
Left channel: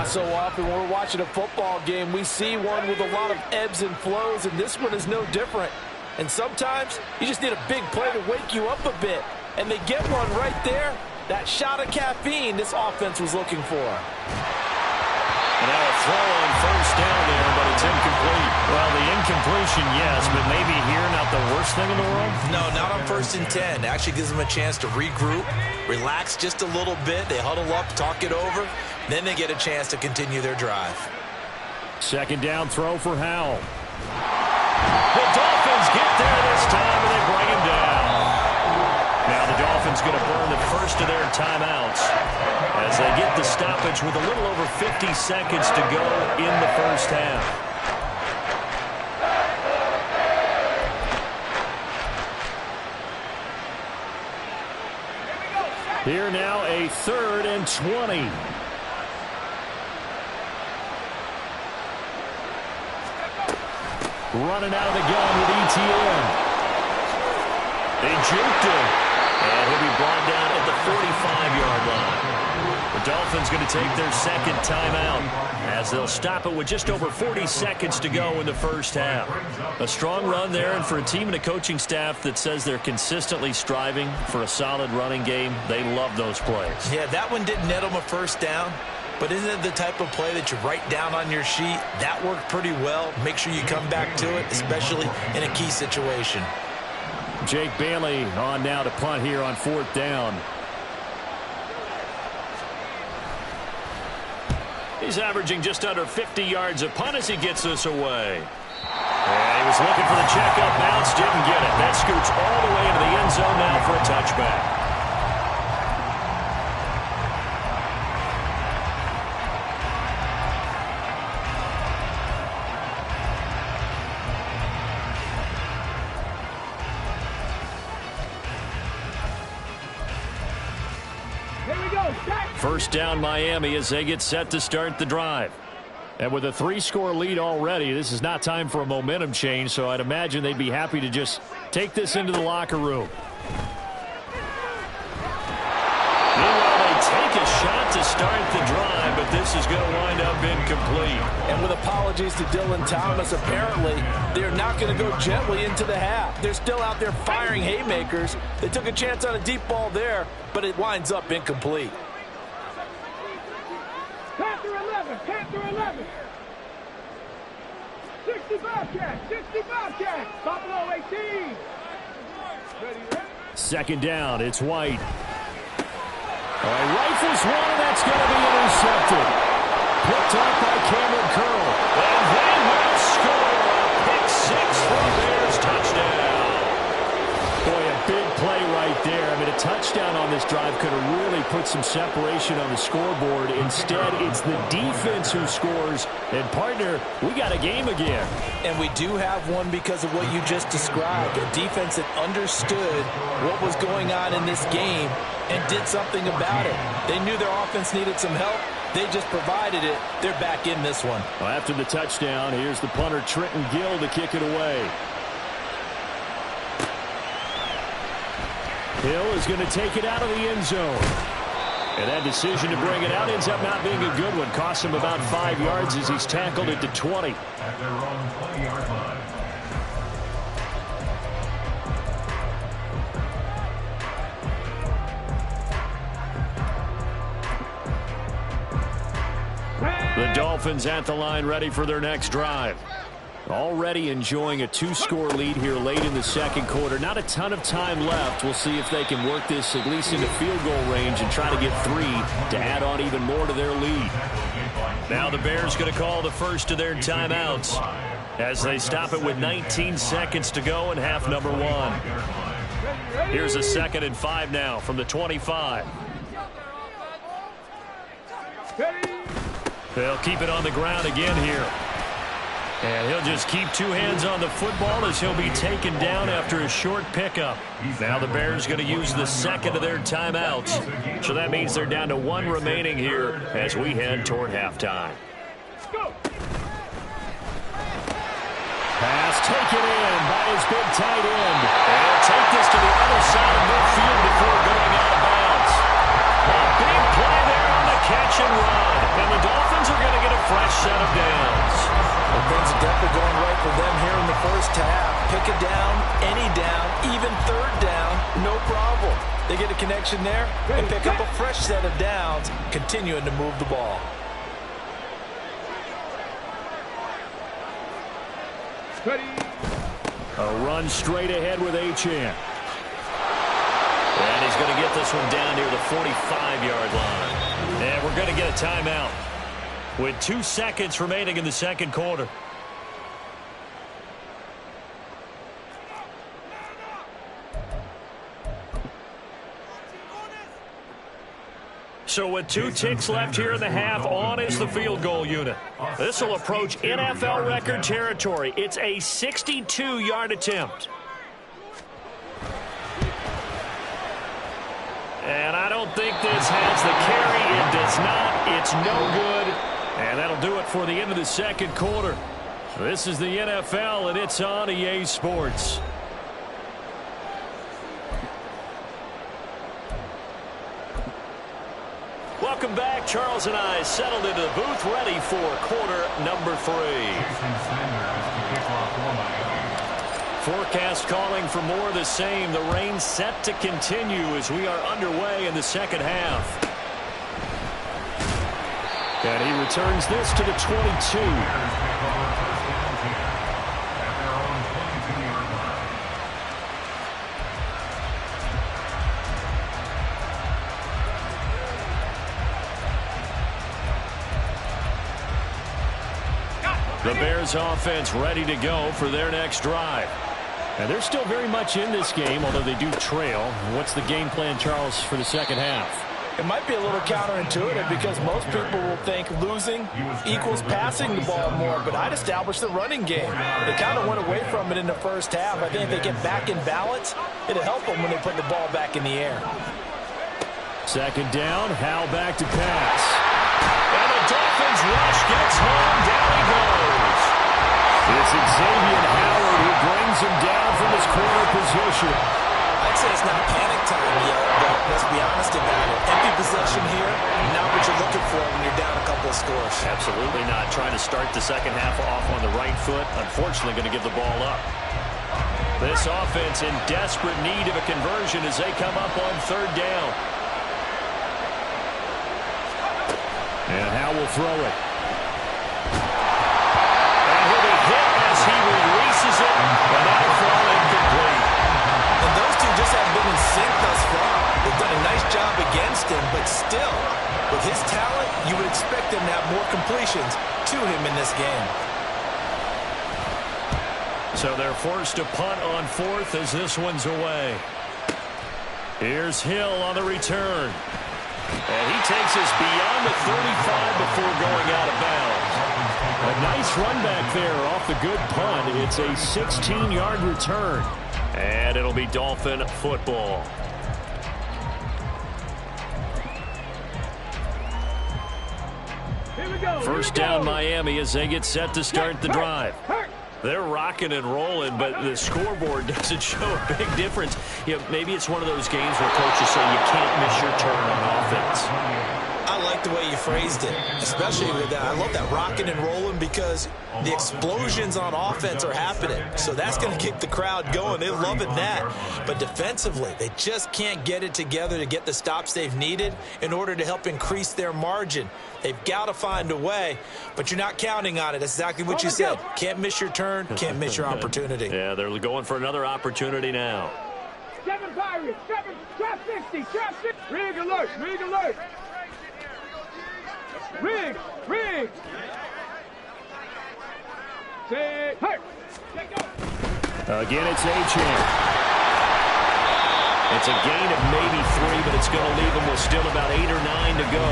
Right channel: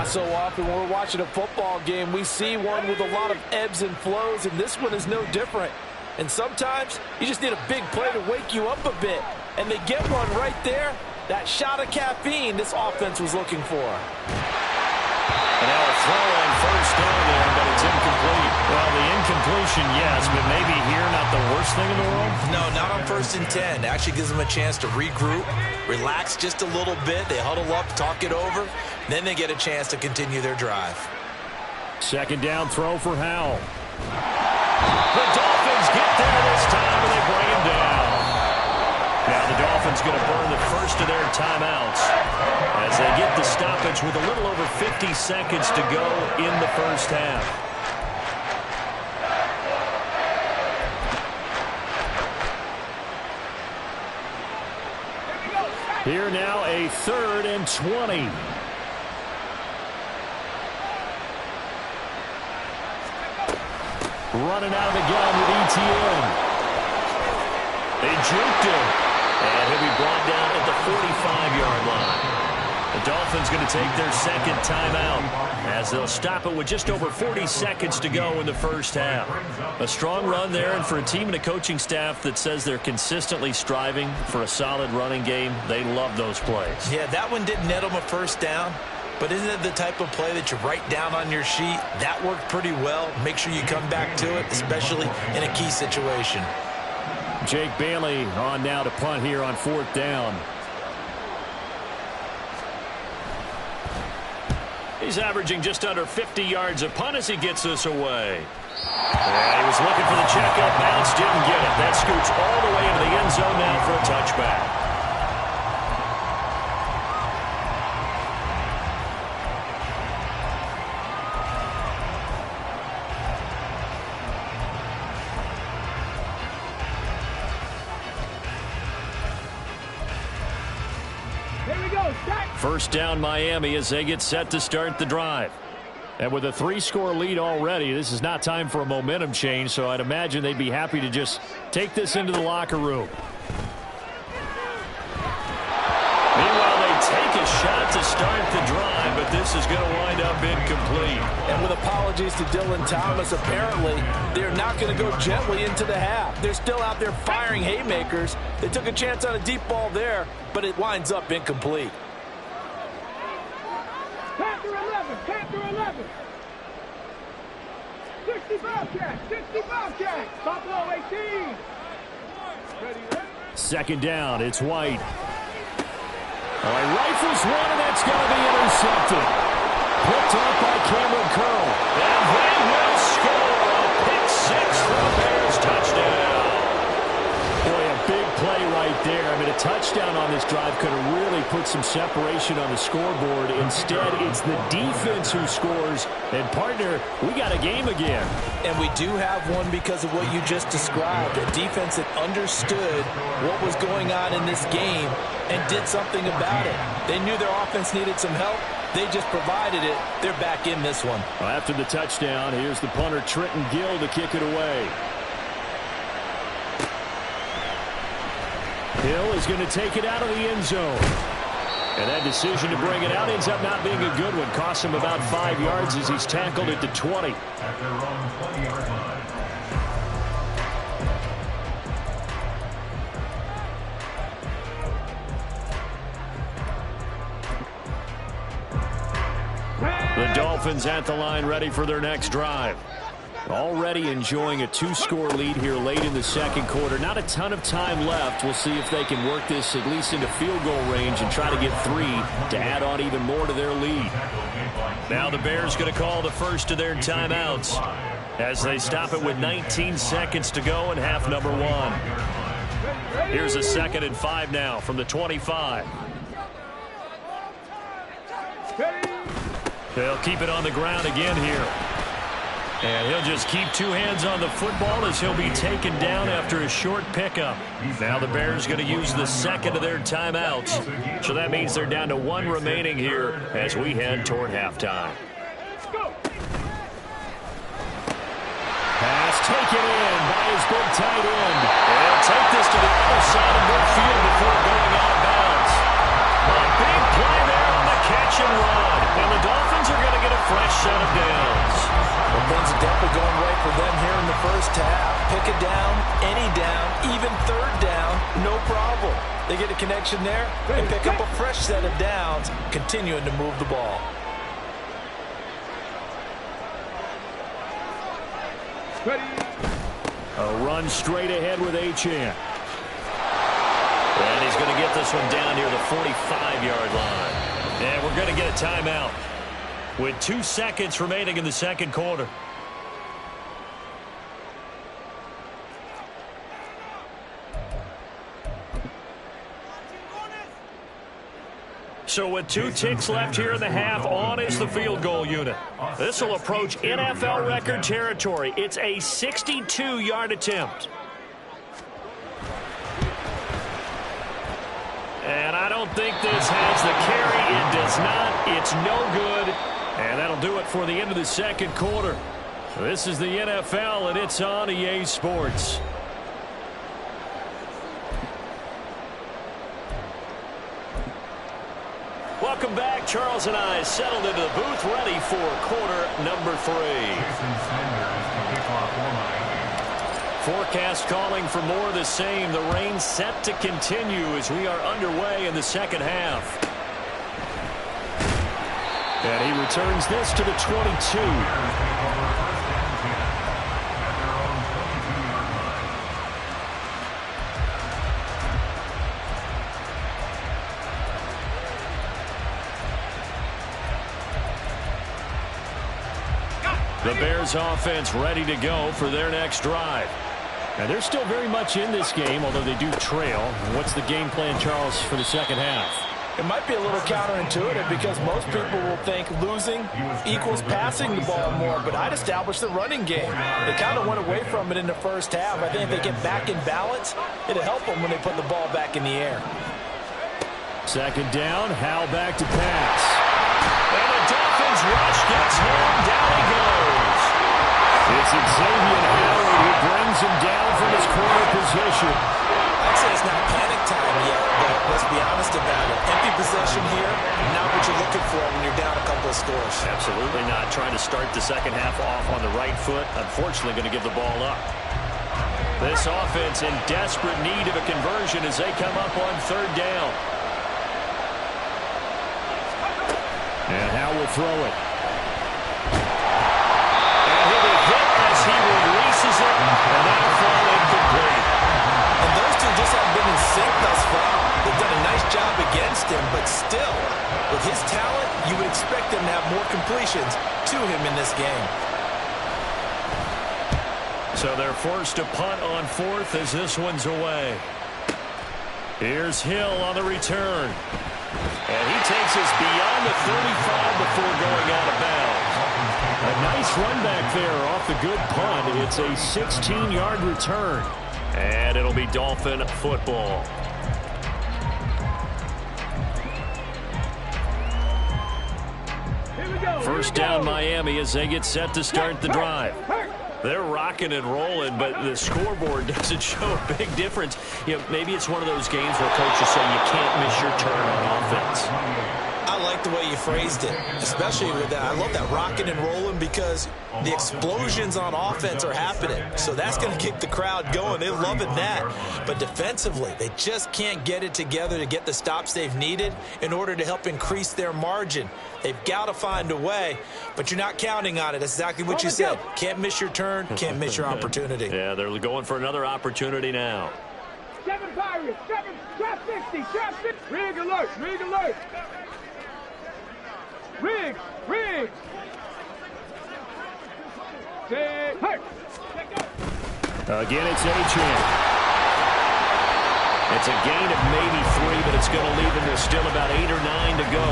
So often when we're watching a football game, we see one with a lot of ebbs and flows, and this one is no different. And sometimes you just need a big play to wake you up a bit. And they get one right there. That shot of caffeine this offense was looking for. And now a throw on 1st down there, but it's incomplete. Well, the incompletion, yes, but maybe here not the worst thing in the world? No, not on 1st and 10. It actually gives them a chance to regroup, relax just a little bit. They huddle up, talk it over. Then they get a chance to continue their drive. 2nd down throw for Howell. The Dolphins get there this time, and they bring him down. Now the Dolphins going to burn the first of their timeouts as they get the stoppage with a little over 50 seconds to go in the first half. Here now a 3rd and 20. Running out of the gun with Etienne. They juked him. And he'll be brought down at the 45-yard line. The Dolphins going to take their 2nd timeout as they'll stop it with just over 40 seconds to go in the first half. A strong run there, and for a team and a coaching staff that says they're consistently striving for a solid running game, they love those plays. Yeah, that one didn't net them a 1st down. But isn't it the type of play that you write down on your sheet? That worked pretty well. Make sure you come back to it, especially in a key situation. Jake Bailey on now to punt here on 4th down. He's averaging just under 50 yards a punt as he gets this away. And he was looking for the checkup bounce, didn't get it. That scoots all the way into the end zone now for a touchback. First down Miami as they get set to start the drive. And with a 3-score lead already, this is not time for a momentum change, so I'd imagine they'd be happy to just take this into the locker room. Meanwhile, they take a shot to start the drive, but this is going to wind up incomplete. And with apologies to Dylan Thomas, apparently they're not going to go gently into the half. They're still out there firing haymakers. They took a chance on a deep ball there, but it winds up incomplete. Panther 11, Panther 11. 60 Bobcats, 60 Bobcats. Buffalo 18. Ready, ready. 2nd down, it's White. Oh, he rifles one, and that's going to be intercepted. Picked off by Cameron Curl. And they will score a pick 6 for a Bears touchdown. Boy, a big play right there. I mean, a touchdown on this drive could have really put some separation on the scoreboard. Instead, it's the defense who scores. And, partner, we got a game again. And we do have one because of what you just described. A defense that understood what was going on in this game and did something about it. They knew their offense needed some help. They just provided it. They're back in this one. Well, after the touchdown, here's the punter, Trenton Gill, to kick it away. Hill is going to take it out of the end zone. And that decision to bring it out ends up not being a good one. Costs him about 5 yards as he's tackled at the 20. At their own 20-yard line. The Dolphins at the line ready for their next drive. Already enjoying a 2-score lead here late in the second quarter. Not a ton of time left. We'll see if they can work this at least into field goal range and try to get 3 to add on even more to their lead. Now the Bears going to call the first of their timeouts as they stop it with 19 seconds to go in half number 1. Here's a 2nd and 5 now from the 25. They'll keep it on the ground again here. And he'll just keep 2 hands on the football as he'll be taken down after a short pickup. Now the Bears going to use the 2nd of their timeouts. So that means they're down to 1 remaining here as we head toward halftime. Pass taken in by his big tight end. And he'll take this to the other side of midfield before going out of bounds. A big play there on the catch and run. And the Dolphins are going to get a fresh set of downs. Well, things are definitely going right for them here in the first half. Pick a down, any down, even 3rd down, no problem. They get a connection there and pick up a fresh set of downs, continuing to move the ball. A run straight ahead with Achane. And he's going to get this one down near the 45-yard line. And we're going to get a timeout with 2 seconds remaining in the second quarter. So with 2 ticks left here in the half, on is the field goal unit. This will approach NFL record territory. It's a 62-yard attempt. And I don't think this has the carry. It does not. It's no good. And that'll do it for the end of the second quarter. This is the NFL, and it's on EA Sports. Welcome back. Charles and I settled into the booth, ready for quarter number 3. Jason Sanders to kick off for Miami. Forecast calling for more of the same. The rain set to continue as we are underway in the second half. And he returns this to the 22. Bears take over 1st and 10 at their own 22-yard line. The Bears offense ready to go for their next drive. And they're still very much in this game, although they do trail. What's the game plan, Charles, for the second half? It might be a little counterintuitive because most people will think losing equals passing the ball more, but I'd establish the running game. They kind of went away from it in the first half. I think if they get back in balance, it'll help them when they put the ball back in the air. 2nd down, Howell back to pass. And the Dolphins rush gets home, down he goes. It's Xavier Howard who brings him down from his corner position. I'd say it's not panic time yet, but let's be honest about it. Empty possession here, not what you're looking for when you're down a couple of scores. Absolutely not. Trying to start the second half off on the right foot. Unfortunately, going to give the ball up. This offense in desperate need of a conversion as they come up on 3rd down. And Howell will throw it. And he'll be hit as he releases it, and that'll fall incomplete. And those two just haven't been in sync thus far. They've done a nice job against him, but still, with his talent, you would expect them to have more completions to him in this game. So they're forced to punt on 4th as this one's away. Here's Hill on the return. And he takes us beyond the 35 before going out of bounds. A nice run back there off the good punt. It's a 16-yard return. And it'll be Dolphin football. First down Miami as they get set to start the drive. They're rocking and rolling, but the scoreboard doesn't show a big difference. You know, maybe it's one of those games where coaches say you can't miss your turn on offense. I like the way you phrased it, especially with that. I love that rocking and rolling because the explosions on offense are happening. So that's going to keep the crowd going. They're loving that. But defensively, they just can't get it together to get the stops they've needed in order to help increase their margin. They've got to find a way, but you're not counting on it. That's exactly what you said. Can't miss your turn, can't miss your opportunity. Yeah, they're going for another opportunity now. 7 Pirates, 7, trap 60, trap 60. Rig alert, rig alert. Rig, rig. Say, hey. Again, it's Achane. It's a gain of maybe 3, but it's going to leave them with still about 8 or 9 to go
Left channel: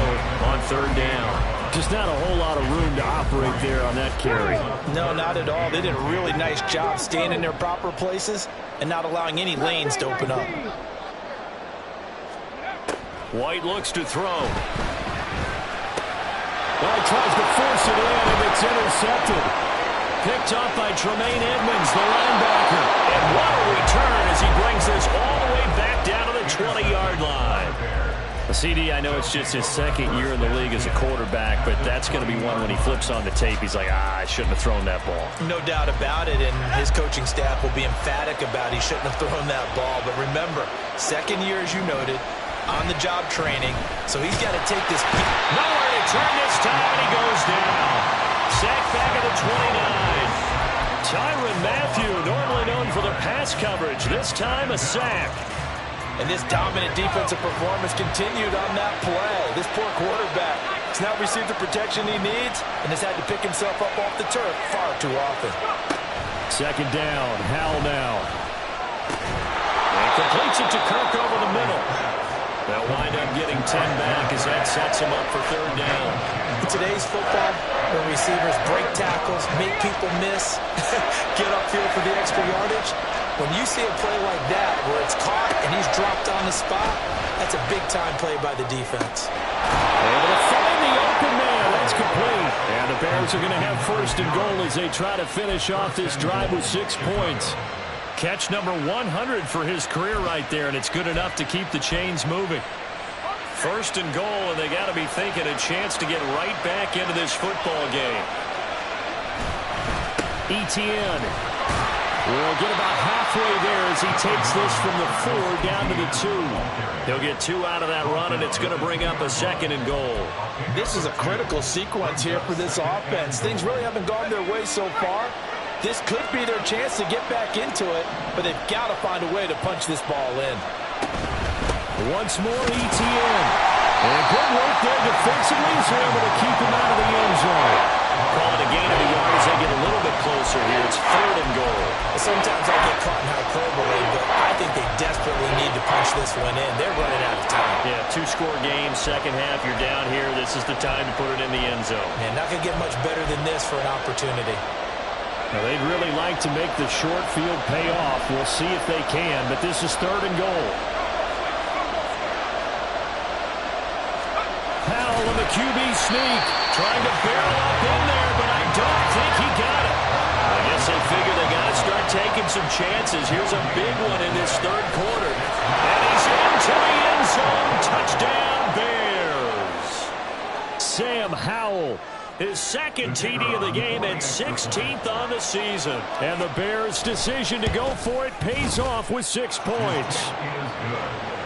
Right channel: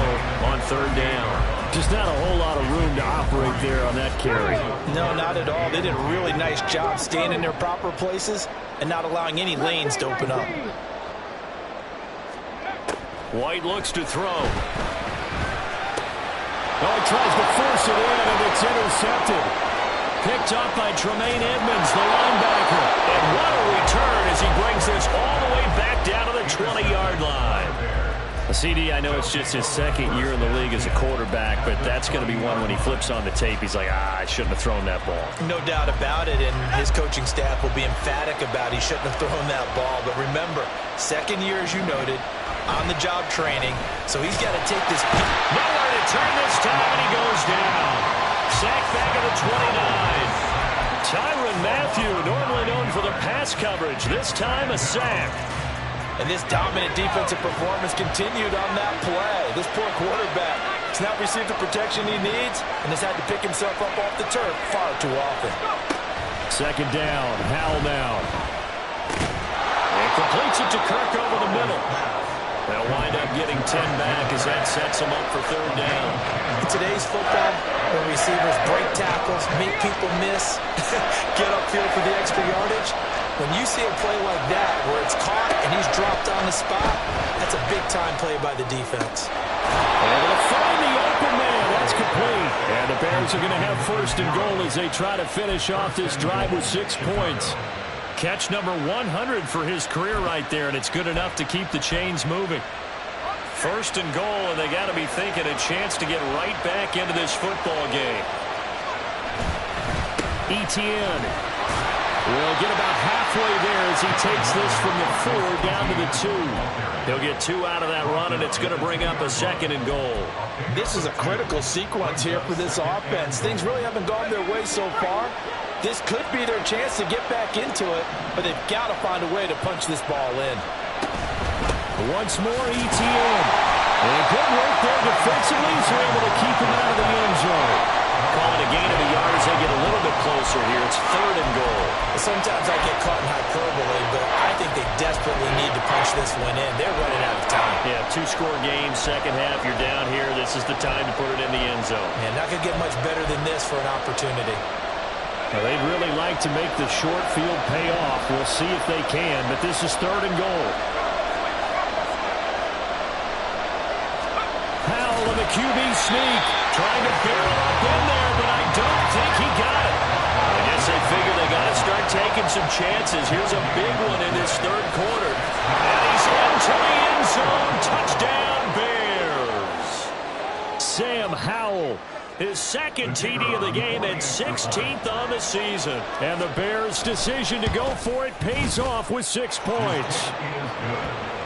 on third down. Just not a whole lot of room to operate there on that carry. No, not at all. They did a really nice job staying in their proper places and not allowing any lanes to open up. White looks to throw. Well, he tries to force it in, and it's intercepted. Picked up by Tremaine Edmonds, the linebacker. And what a return as he brings this all the way back down to the 20-yard line. CD, I know it's just his second year in the league as a quarterback, but that's going to be one when he flips on the tape. He's like, I shouldn't have thrown that ball. No doubt about it, and his coaching staff will be emphatic about he shouldn't have thrown that ball. But remember, second year, as you noted, on-the-job training, so he's got to take this. Nowhere to turn this time, and he goes down. Sack back at the 29. Tyrann Mathieu, normally known for the pass coverage, this time a sack. And this dominant defensive performance continued on that play. This poor quarterback has not received the protection he needs and has had to pick himself up off the turf far too often. Second down, Howell now. And completes it to Kirk over the middle. They'll wind up getting 10 back as that sets him up for third down. In today's football, where receivers break tackles, make people miss, get upfield for the extra yardage, when you see a play like that where it's caught and he's dropped on the spot, that's a big-time play by the defense. Able to find the open man. That's complete. And the Bears are going to have first and goal as they try to finish off this drive with 6 points. Catch number 100 for his career right there, and it's good enough to keep the chains moving. First and goal, and they got to be thinking a chance to get right back into this football game. Etienne will get about halfway there as he takes this from the 4 down to the 2. He'll get 2 out of that run, and it's going to bring up a second and goal. This is a critical sequence here for this offense. Things really haven't gone their way so far. This could be their chance to get back into it, but they've got to find a way to punch this ball in. Once more, Etienne. And good work there defensively as they're able to keep him out of the end zone. Call it a gain of a yard as they get a little bit closer here. It's third and goal. Sometimes I get caught in hyperbole, but I think they desperately need to punch this one in. They're running out of time. Yeah, 2-score game, second half, you're down here. This is the time to put it in the end zone. Man, not going to get much better than this for an opportunity. Now, they'd really like to make the short field pay off. We'll see if they can, but this is third and goal. Howell on the QB sneak, trying to barrel up in there, but I don't think he got it. I guess they figure they got to start taking some chances. Here's a big one in this third quarter. And he's into the end zone. Touchdown, Bears. Sam Howell, his second TD of the game and 16th on the season. And the Bears' decision to go for it pays off with 6 points.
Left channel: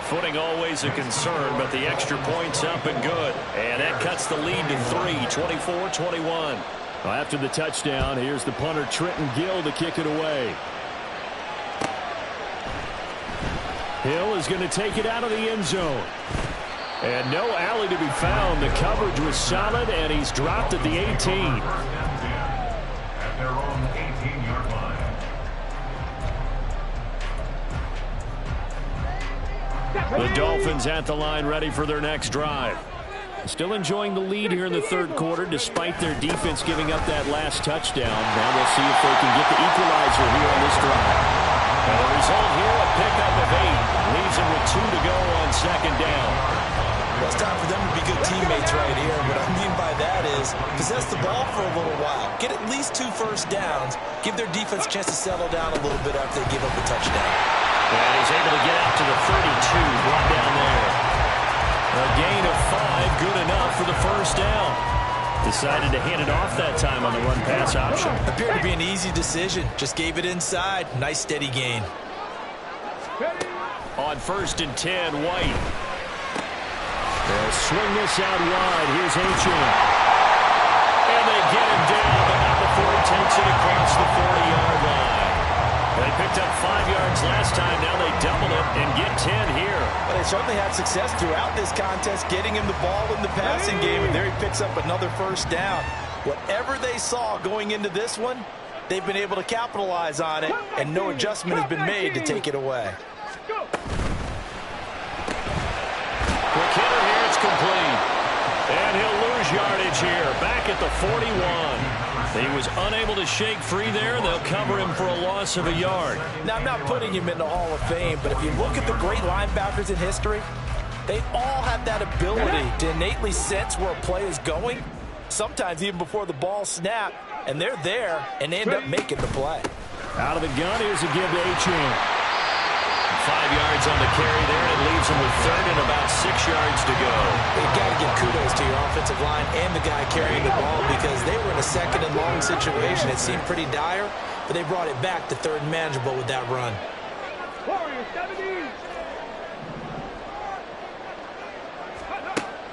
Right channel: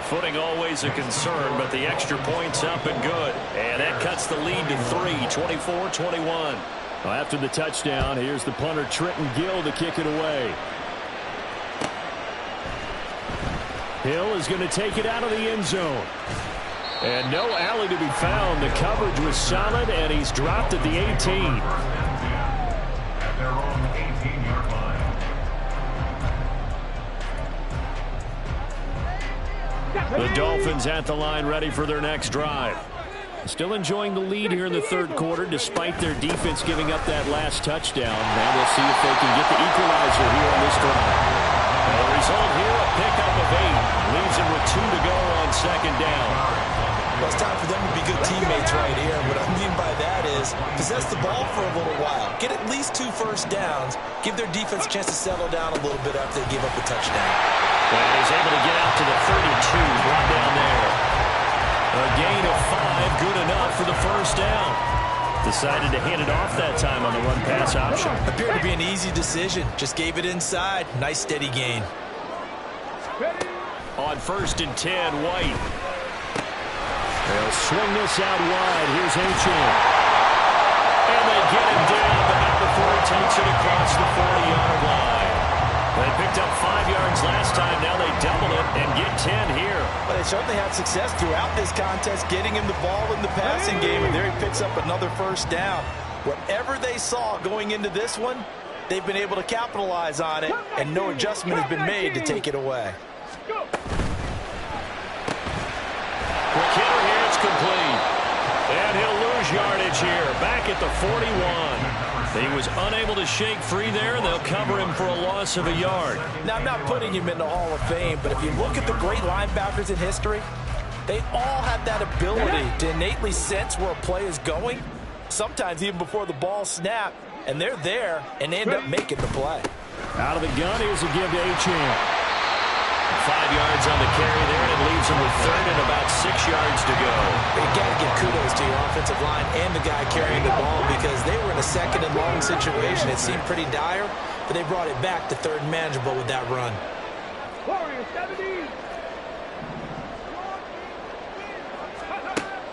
Footing always a concern, but the extra point's up and good. And that cuts the lead to 3, 24-21. Well, after the touchdown, here's the punter Trenton Gill to kick it away. Hill is going to take it out of the end zone. And no alley to be found. The coverage was solid, and he's dropped at the 18. At their own 18-yard line. The Dolphins at the line, ready for their next drive. Still enjoying the lead here in the third quarter, despite their defense giving up that last touchdown. Now we'll see if they can get the equalizer here on this drive. And the result here, a pickup of 8. Leaves them with 2 to go on second down. Well, it's time for them to be good teammates right here. What I mean by that is possess the ball for a little while. Get at least 2 first downs. Give their defense a chance to settle down a little bit after they give up a touchdown. And he's able to get out to the 32, brought down there. A gain of 5, good enough for the first down. Decided to hand it off that time on the run-pass option. Appeared to be an easy decision. Just gave it inside. Nice steady gain. On 1st and 10, White. They'll swing this out wide. Here's Achane. And they get him down, but not before he takes it across the 40-yard line. They picked up 5 yards last time. Now they double it and get 10 here. But they certainly had success throughout this contest, getting him the ball in the passing game, and there he picks up another first down. Whatever they saw going into this one, they've been able to capitalize on it, and no adjustment has been made to take it away. Quick hitter here, it's complete. And he'll lose yardage here, back at the 41. He was unable to shake free there. They'll cover him for a loss of a yard. Now, I'm not putting him in the Hall of Fame, but if you look at the great linebackers in history, they all have that ability to innately sense where a play is going, sometimes even before the ball snapped, and they're there and end up making the play. Out of the gun, here's a give to Achane. 5 yards on the carry there, and it leaves him with 3rd and about 6 yards to go. You got to give kudos to your offensive line and the guy carrying the ball, because they were in a 2nd and long situation. It seemed pretty dire, but they brought it back to 3rd and manageable with that run.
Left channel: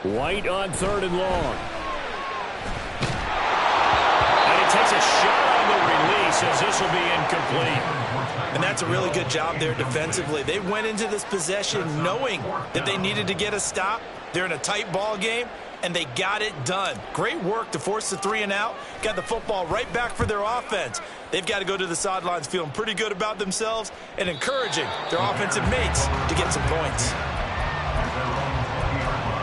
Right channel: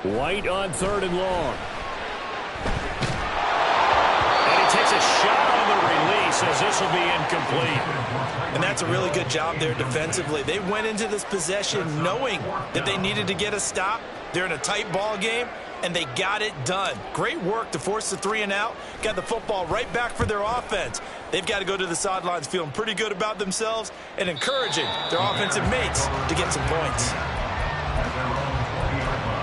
White on 3rd and long. And he takes a shot on the release, as this will be incomplete. And that's a really good job there defensively. They went into this possession knowing that they needed to get a stop. They're in a tight ball game, and they got it done. Great work to force the 3 and out. Got the football right back for their offense. They've got to go to the sidelines feeling pretty good about themselves and encouraging their offensive mates to get some points. At their own 20-yard line.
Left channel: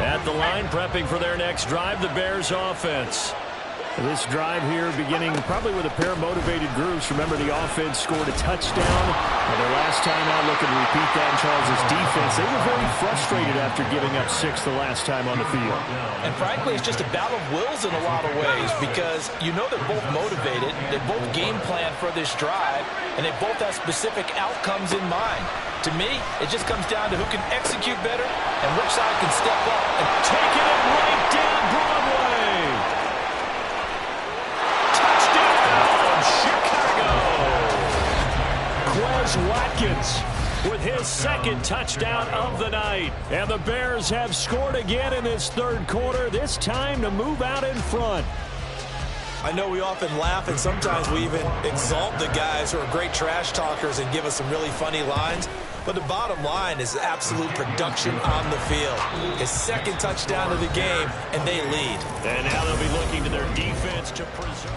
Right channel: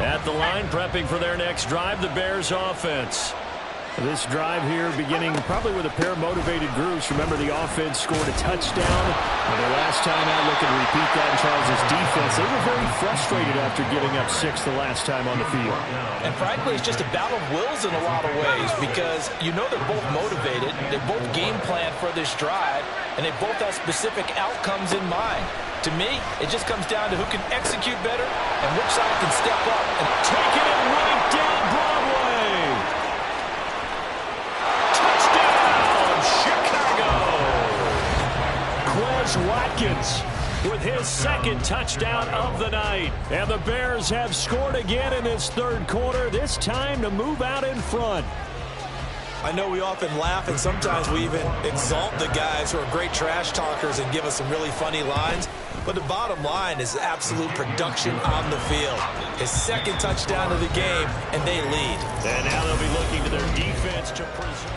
At the line, prepping for their next drive, the Bears offense. This drive here beginning probably with a pair of motivated groups. Remember, the offense scored a touchdown on their last time out. Looking to repeat that in Charles' defense. They were very frustrated after giving up 6 the last time on the field. And frankly, it's just a battle of wills in a lot of ways, because you know they're both motivated. They both game plan for this drive, and they both have specific outcomes in mind. To me, it just comes down to who can execute better and which side can step up and taking it right down Broadway. Touchdown, Chicago. Quez Watkins with his 2nd touchdown of the night. And the Bears have scored again in this 3rd quarter, this time to move out in front. I know we often laugh, and sometimes we even exalt the guys who are great trash talkers and give us some really funny lines. But the bottom line is absolute production on the field. His 2nd touchdown of the game, and they lead. And now they'll be looking to their defense to preserve.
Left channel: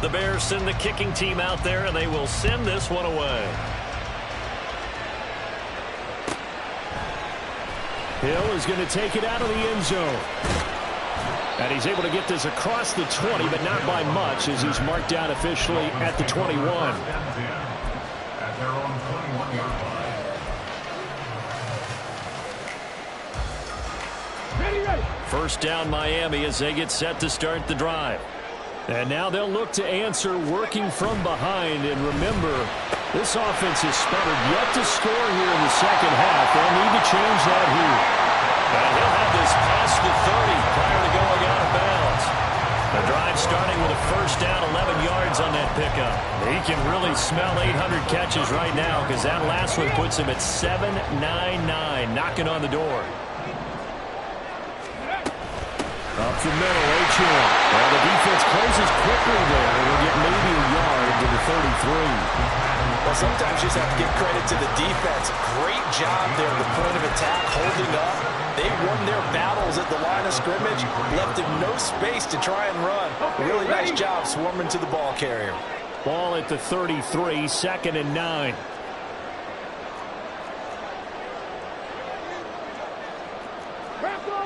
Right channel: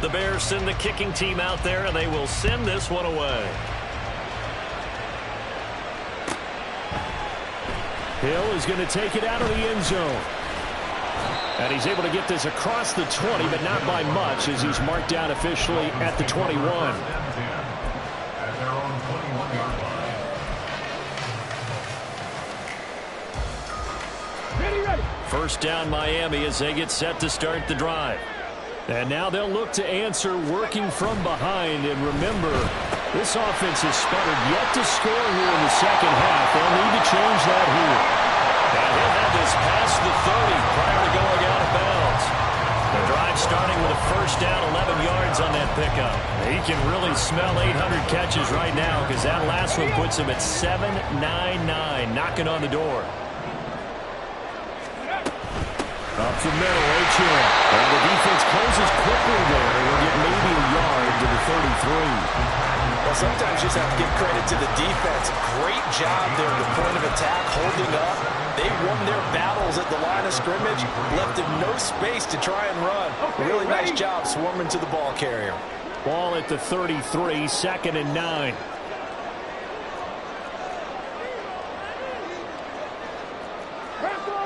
The Bears send the kicking team out there, and they will send this one away. Hill is going to take it out of the end zone. And he's able to get this across the 20, but not by much, as he's marked down officially at the 21. At their own 21-yard line. Ready. 1st down Miami as they get set to start the drive. And now they'll look to answer working from behind. And remember, this offense has sputtered yet to score here in the 2nd half. They'll need to change that here. And he'll have this past the 30 prior to going out of bounds. The drive starting with a 1st down, 11 yards on that pickup. He can really smell 800 catches right now, because that last one puts him at 799, knocking on the door. Up the middle, Achane. And the defense closes quickly there. We'll get maybe a yard to the 33. Well, sometimes you just have to give credit to the defense. Great job there at the point of attack, holding up. They won their battles at the line of scrimmage, left them no space to try and run. Really nice job swarming to the ball carrier. Ball at the 33, 2nd and 9.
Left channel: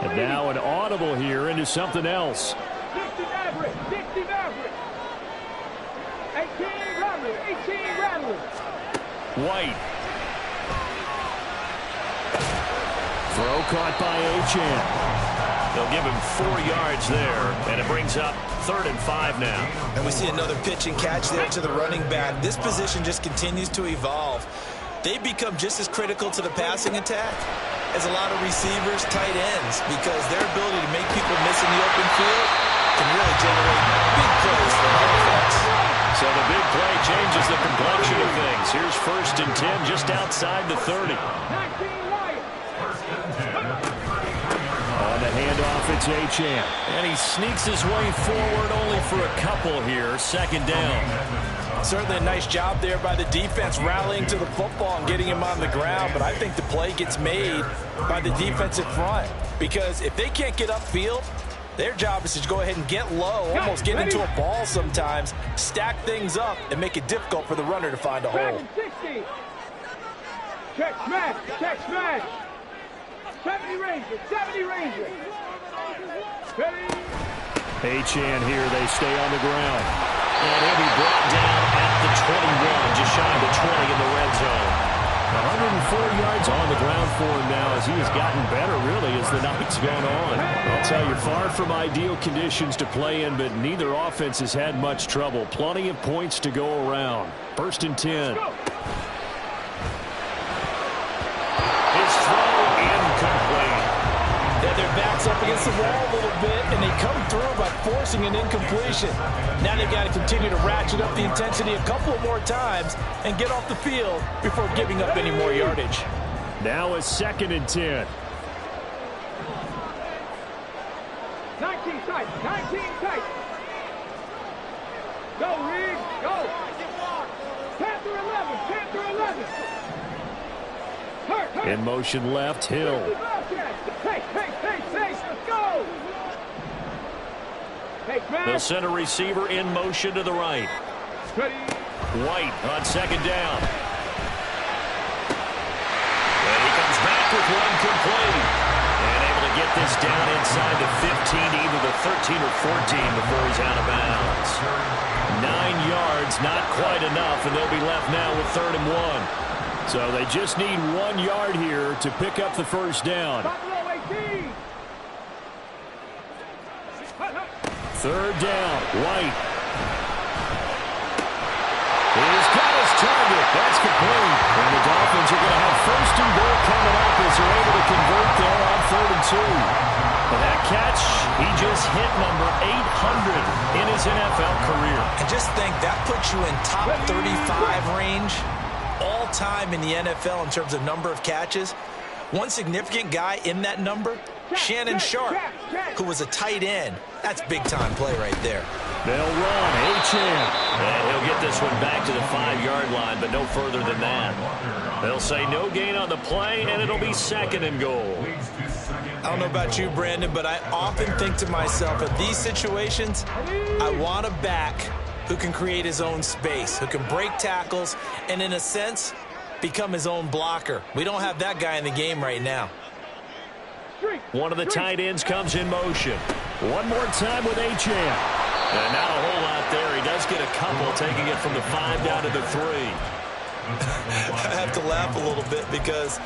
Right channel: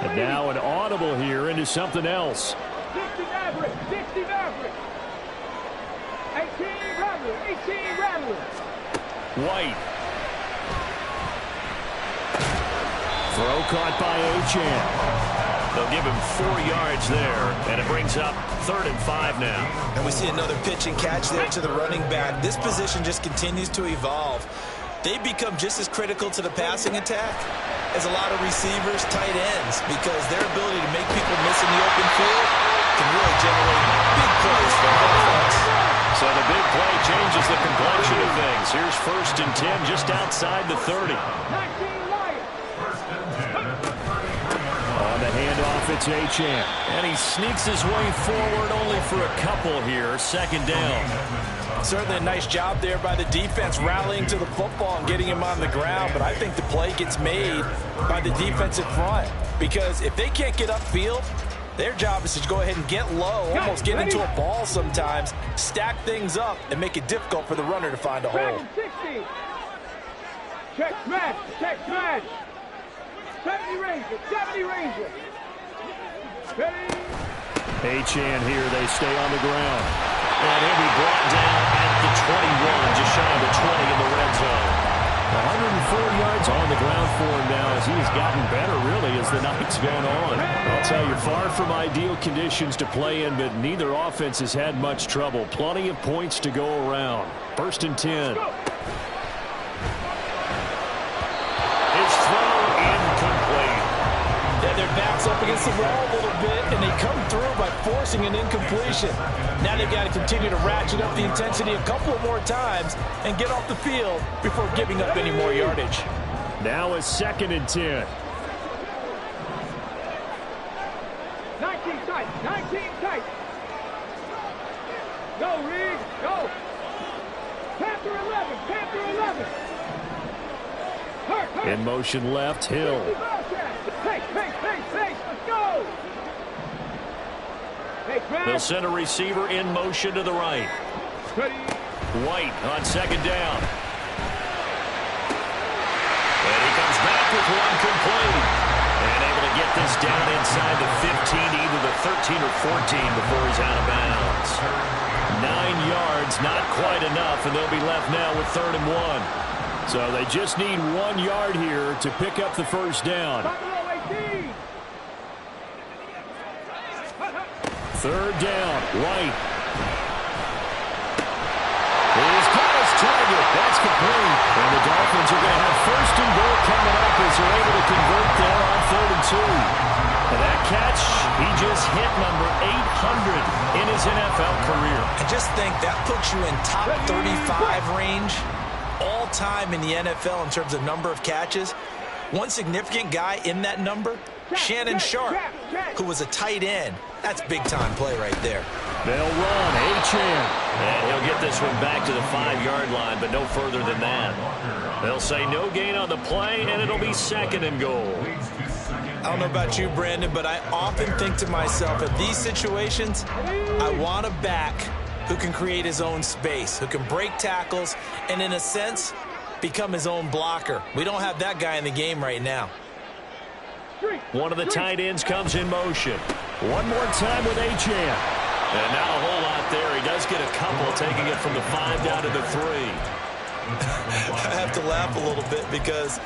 And now an audible here into something else. 60 Maverick. 18 Rattler. White. Throw caught by Achane. They'll give him 4 yards there, and it brings up 3rd and 5 now. And we see another pitch and catch there to the running back. This position just continues to evolve. They become just as critical to the passing attack as a lot of receivers, tight ends, because their ability to make people miss in the open field can really generate big plays for the offense. So the big play changes the complexion of things. Here's 1st and 10 just outside the 30. 19 Lions. On the handoff, it's Achane. And he sneaks his way forward only for a couple here. 2nd down. Certainly a nice job there by the defense rallying to the football and getting him on the ground. But I think the play gets made by the defensive front. Because if they can't get upfield, their job is to go ahead and get low, almost get into a ball sometimes, stack things up, and make it difficult for the runner to find a hole. 60. Check smash. Check smash. 70 Ranger. 70 Ranger. Ready. Achane here. They stay on the ground. And he'll be brought down at the 21, just shy of the 20 in the red zone. 104 yards on the ground for him now as he has gotten better, really, as the night's gone on. I'll tell you, far from ideal conditions to play in, but neither offense has had much trouble. Plenty of points to go around. 1st and 10. His throw incomplete. Yeah, their back's up against the wall a little bit, and they come through by forcing an incompletion. Now they've got to continue to ratchet up the intensity a couple of more times and get off the field before giving up any more yardage. Now a 2nd and 10. 19 tight. 19 tight. Go, Reed. Go. Panther 11. Panther 11. Hurt. In motion left, Hill. Pace. Let's go. They'll send a receiver in motion to the right. Ready. White on 2nd down. And he comes back with one complete. And able to get this down inside the 15, either the 13 or 14 before he's out of bounds. 9 yards, not quite enough, and they'll be left now with 3rd and 1. So they just need 1 yard here to pick up the 1st down. 3rd down, White. He's got his target. That's complete. And the Dolphins are going to have 1st and goal coming up as they're able to convert there on 3rd and 2. And that catch, he just hit number 800 in his NFL career. And just think, that puts you in top 35 range all time in the NFL in terms of number of catches. One significant guy in that number, Shannon Sharp, who was a tight end. That's big-time play right there. They'll run, Achane. And he'll get this one back to the 5-yard line, but no further than that. They'll say no gain on the play, and it'll be 2nd and goal. I don't know about you, Brandon, but I often think to myself, in these situations, I want a back who can create his own space, who can break tackles, and in a sense, become his own blocker. We don't have that guy in the game right now. One of the tight ends comes in motion. One more time with Achane. And not a whole lot there. He does get a couple, taking it from the 5 down to the 3. I have to laugh a little bit because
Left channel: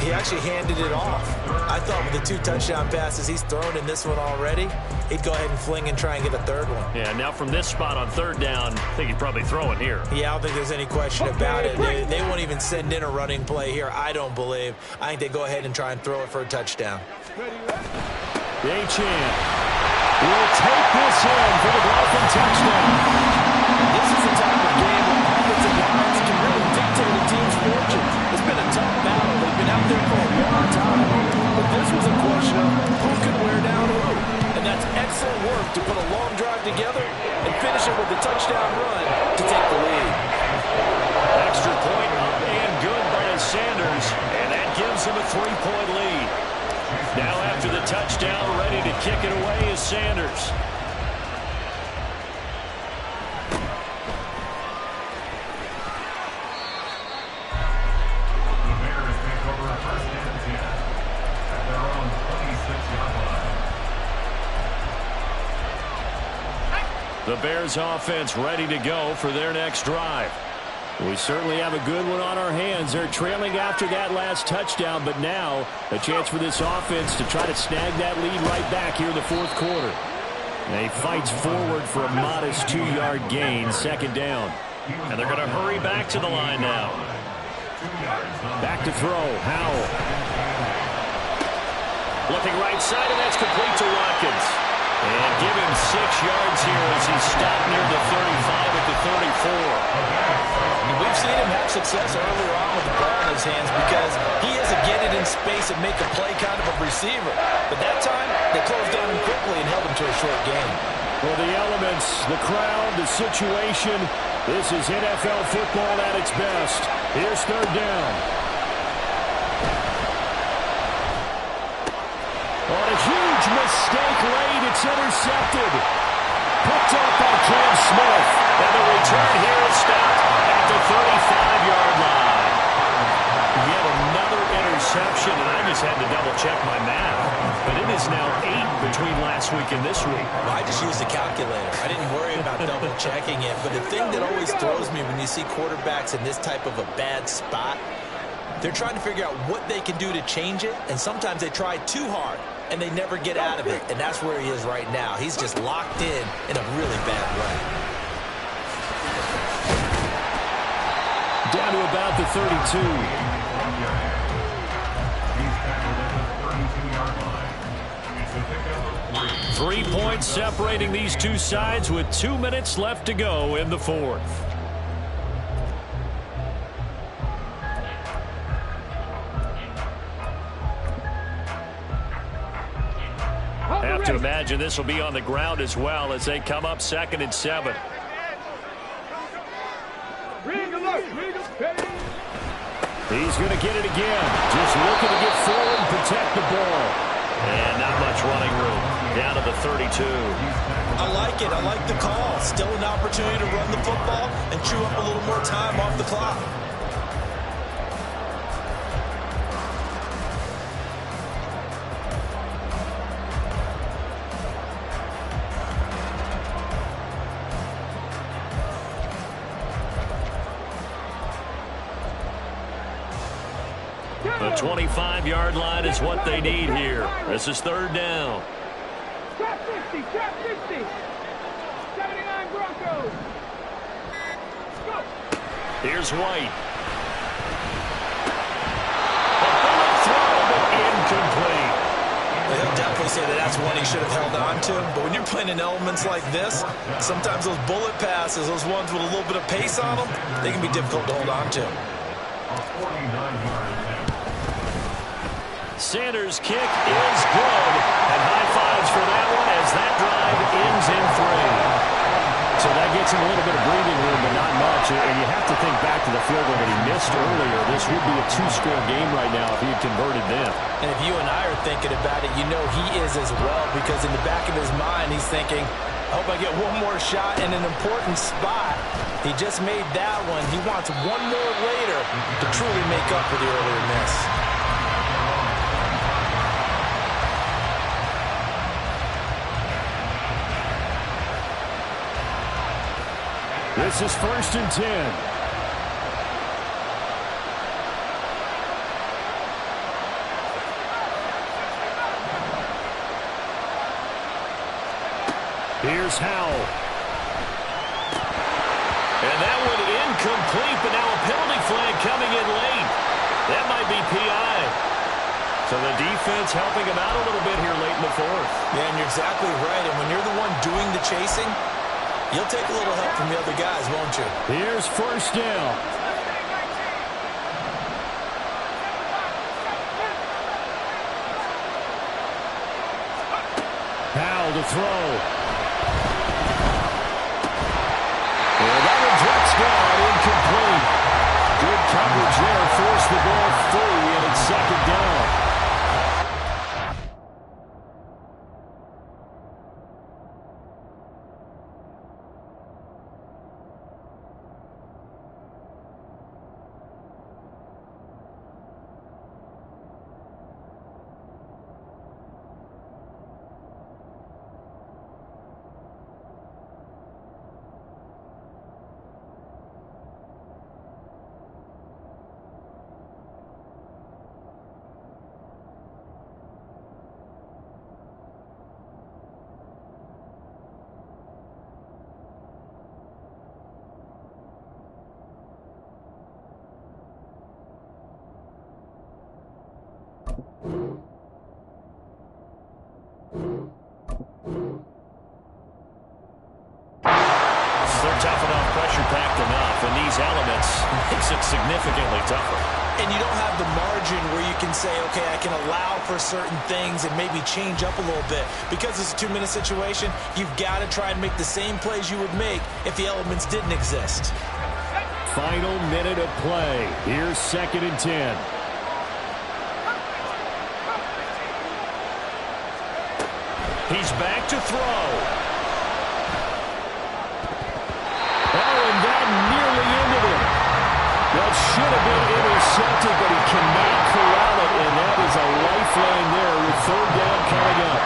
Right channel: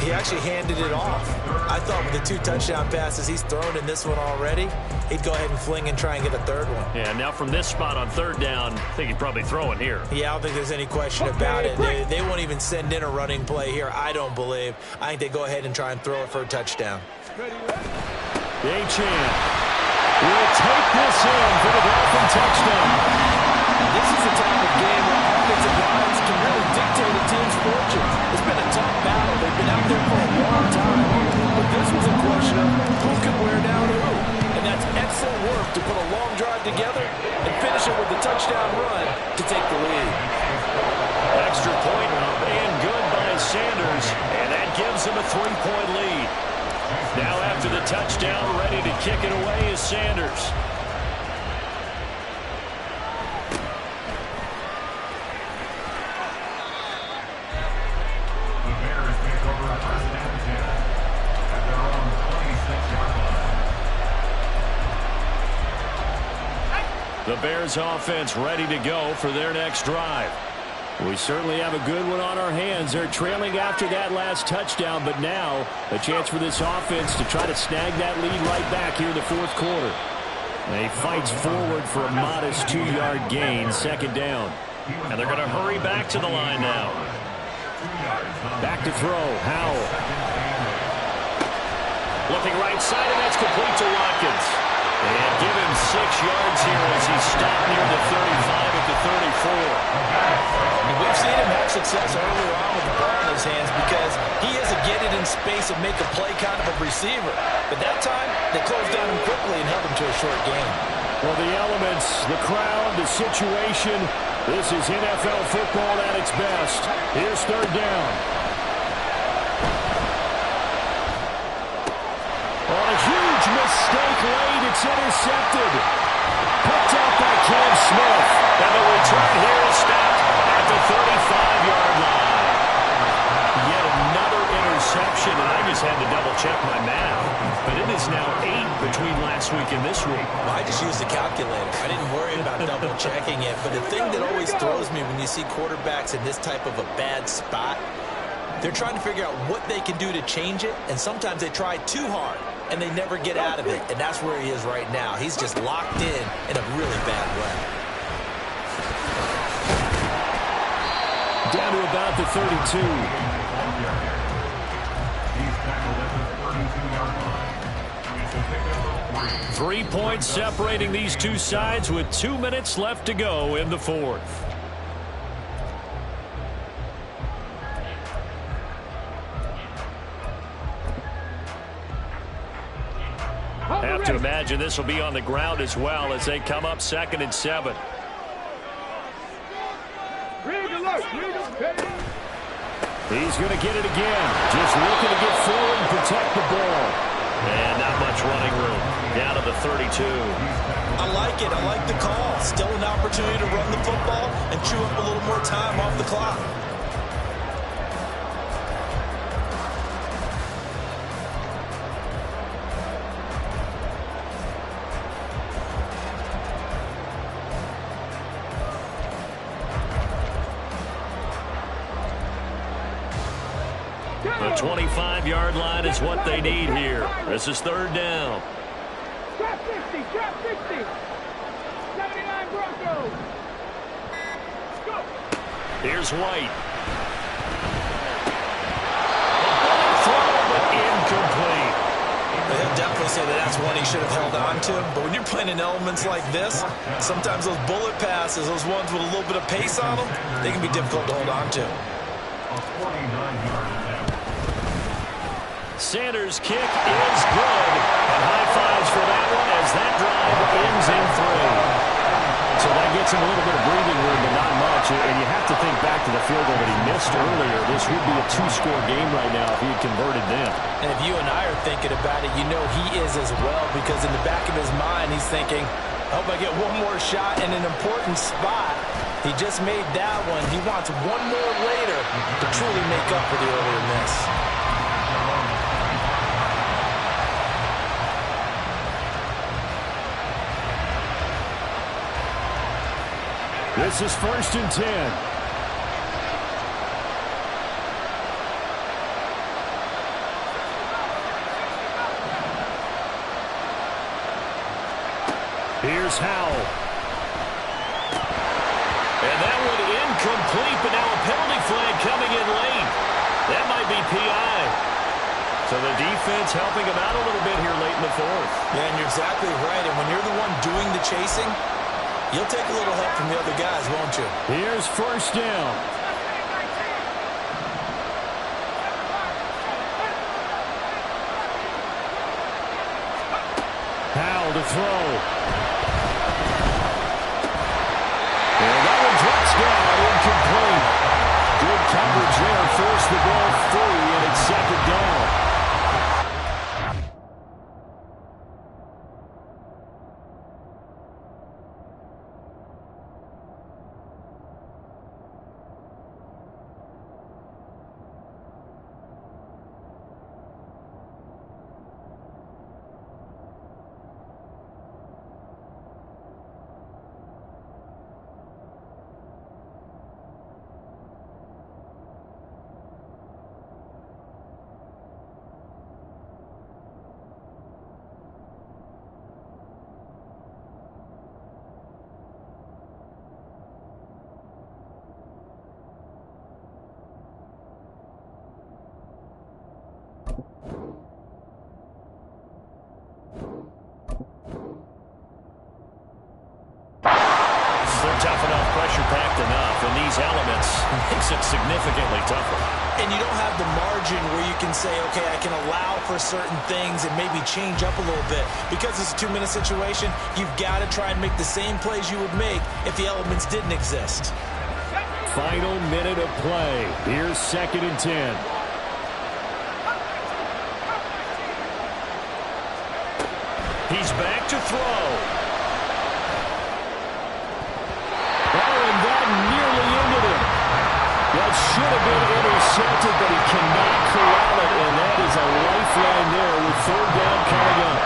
he actually handed it off. I thought with the 2 touchdown passes he's thrown in this one already, he'd go ahead and fling and try and get a 3rd one. Yeah, now from this spot on 3rd down, I think he'd probably throw it here. Yeah, I don't think there's any question about it. They won't even send in a running play here, I don't believe. I think they go ahead and try and throw it for a touchdown. Achane will take this in for the Dolphin touchdown. And this is the type of game where offensive lines can really dictate a team's fortunes. It's been a tough battle. They've been out there for a long time. But this was a question of who can wear down who. And that's excellent work to put a long drive together and finish it with a touchdown run to take the lead. Extra point up and good by Sanders. And that gives him a 3-point lead. Now after the touchdown, ready to kick it away is Sanders. The Bears take over 1st and 10 at their own 26-yard line. The Bears offense ready to go for their next drive. We certainly have a good one on our hands. They're trailing after that last touchdown, but now a chance for this offense to try to snag that lead right back here in the fourth quarter. He fights forward for a modest 2-yard gain, second down. And they're going to hurry back to the line now. Back to throw, Howell. Looking right side, and that's complete to Watkins. And give him 6 yards here as he's stopped near the 35 at the 34. And we've seen him have success earlier on with the ball in his hands because he is a get it in space and make a play kind of a receiver. But that time, they closed on him quickly and held him to a short gain. Well, the elements, the crowd, the situation, this is NFL football at its best. Here's third down. On a huge mistake late, it's intercepted. Picked up by Cam Smith. And the return here is stopped at the 35-yard line. Yet another interception, and I just had to double-check my math. But it is now 8 between last week and this week. Well, I just used a calculator. I didn't worry about double-checking it. But the thing that always throws me when you see quarterbacks in this type of a bad spot, they're trying to figure out what they can do to change it, and sometimes they try too hard, and they never get out of it. And that's where he is right now. He's just locked in a really bad way. Down to about the 32. He's tackled at the 32-yard line. It's a pickup of 3. 3 points separating these two sides with 2 minutes left to go in the fourth. Have to imagine this will be on the ground as well as they come up 2nd and 7. He's going to get it again. Just looking to get forward and protect the ball. And not much running room. Down to the 32. I like it. I like the call. Still an opportunity to run the football and chew up a little more time off the clock. The 25-yard line is what they need here. This is third down. Trap 50, trap 50. 79 Broncos. Go. Here's White. A bullet throw, but incomplete. He'll definitely say that that's one he should have held on to. But when you're playing in elements like this, sometimes those bullet passes, those ones with a little bit of pace on them, they can be difficult to hold on to. A 49-yard attempt. Sanders' kick is good. And high fives for that one as that drive ends in 3. So that gets him a little bit of breathing room, but not much. And you have to think back to the field goal that he missed earlier. This would be a 2-score game right now if he had converted them. And if you and I are thinking about it, you know he is as well, because in the back of his mind, he's thinking, I hope I get one more shot in an important spot. He just made that one. He wants one more later to truly make up for the earlier miss. This is 1st and 10. Here's Howell. And that one incomplete, but now a penalty flag coming in late. That might be PI. So the defense helping him out a little bit here late in the fourth. Yeah, and you're exactly right. And when you're the one doing the chasing, you'll take a little help from the other guys, won't you? Here's first down. Howell to throw. And that one drops down, incomplete. Good coverage there, forced the ball free, and it's 2nd down. They're tough enough, pressure-packed enough, and these elements makes it significantly tougher. And you don't have the margin where you can say, okay, I can allow for certain things and maybe change up a little bit. Because it's a 2-minute situation, you've got to try and make the same plays you would make if the elements didn't exist. Final minute of play. Here's 2nd and 10. He's back to throw. Oh, and that nearly ended it. That should have been intercepted, but he cannot corral it, and that is a lifeline there with 3rd down coming up.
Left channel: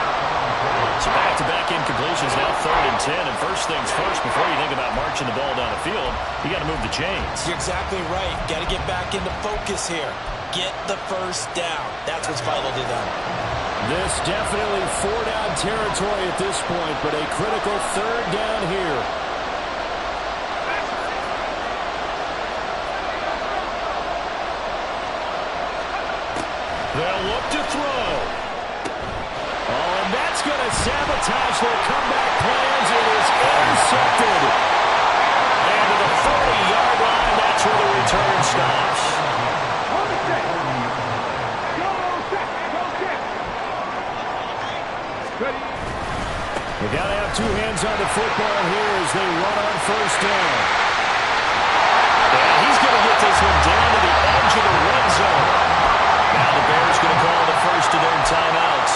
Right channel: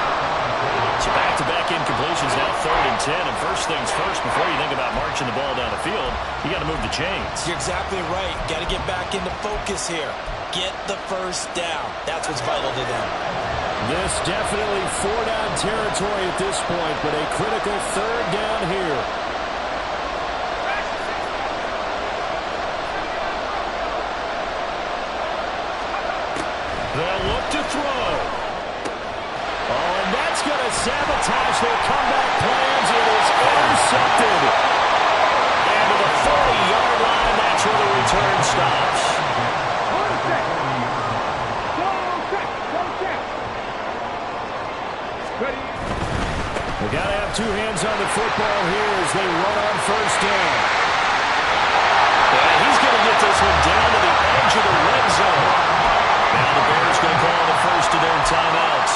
So back-to-back incompletions, now 3rd and 10, and first things first, before you think about marching the ball down the field, you got to move the chains. You're exactly right. Got to get back into focus here. Get the first down. That's what's vital to them. This definitely 4-down territory at this point, but a critical 3rd down here. They'll look to throw. Oh, and that's going to sabotage their comeback plans. It is intercepted. And to the 40-yard line, that's where the return stops. Hold it set. Go set. Go set. Ready. They got to have 2 hands on the football here as they run on 1st down. And he's going to get this one down to the edge of the red zone. Now the Bears going to call the first of their timeouts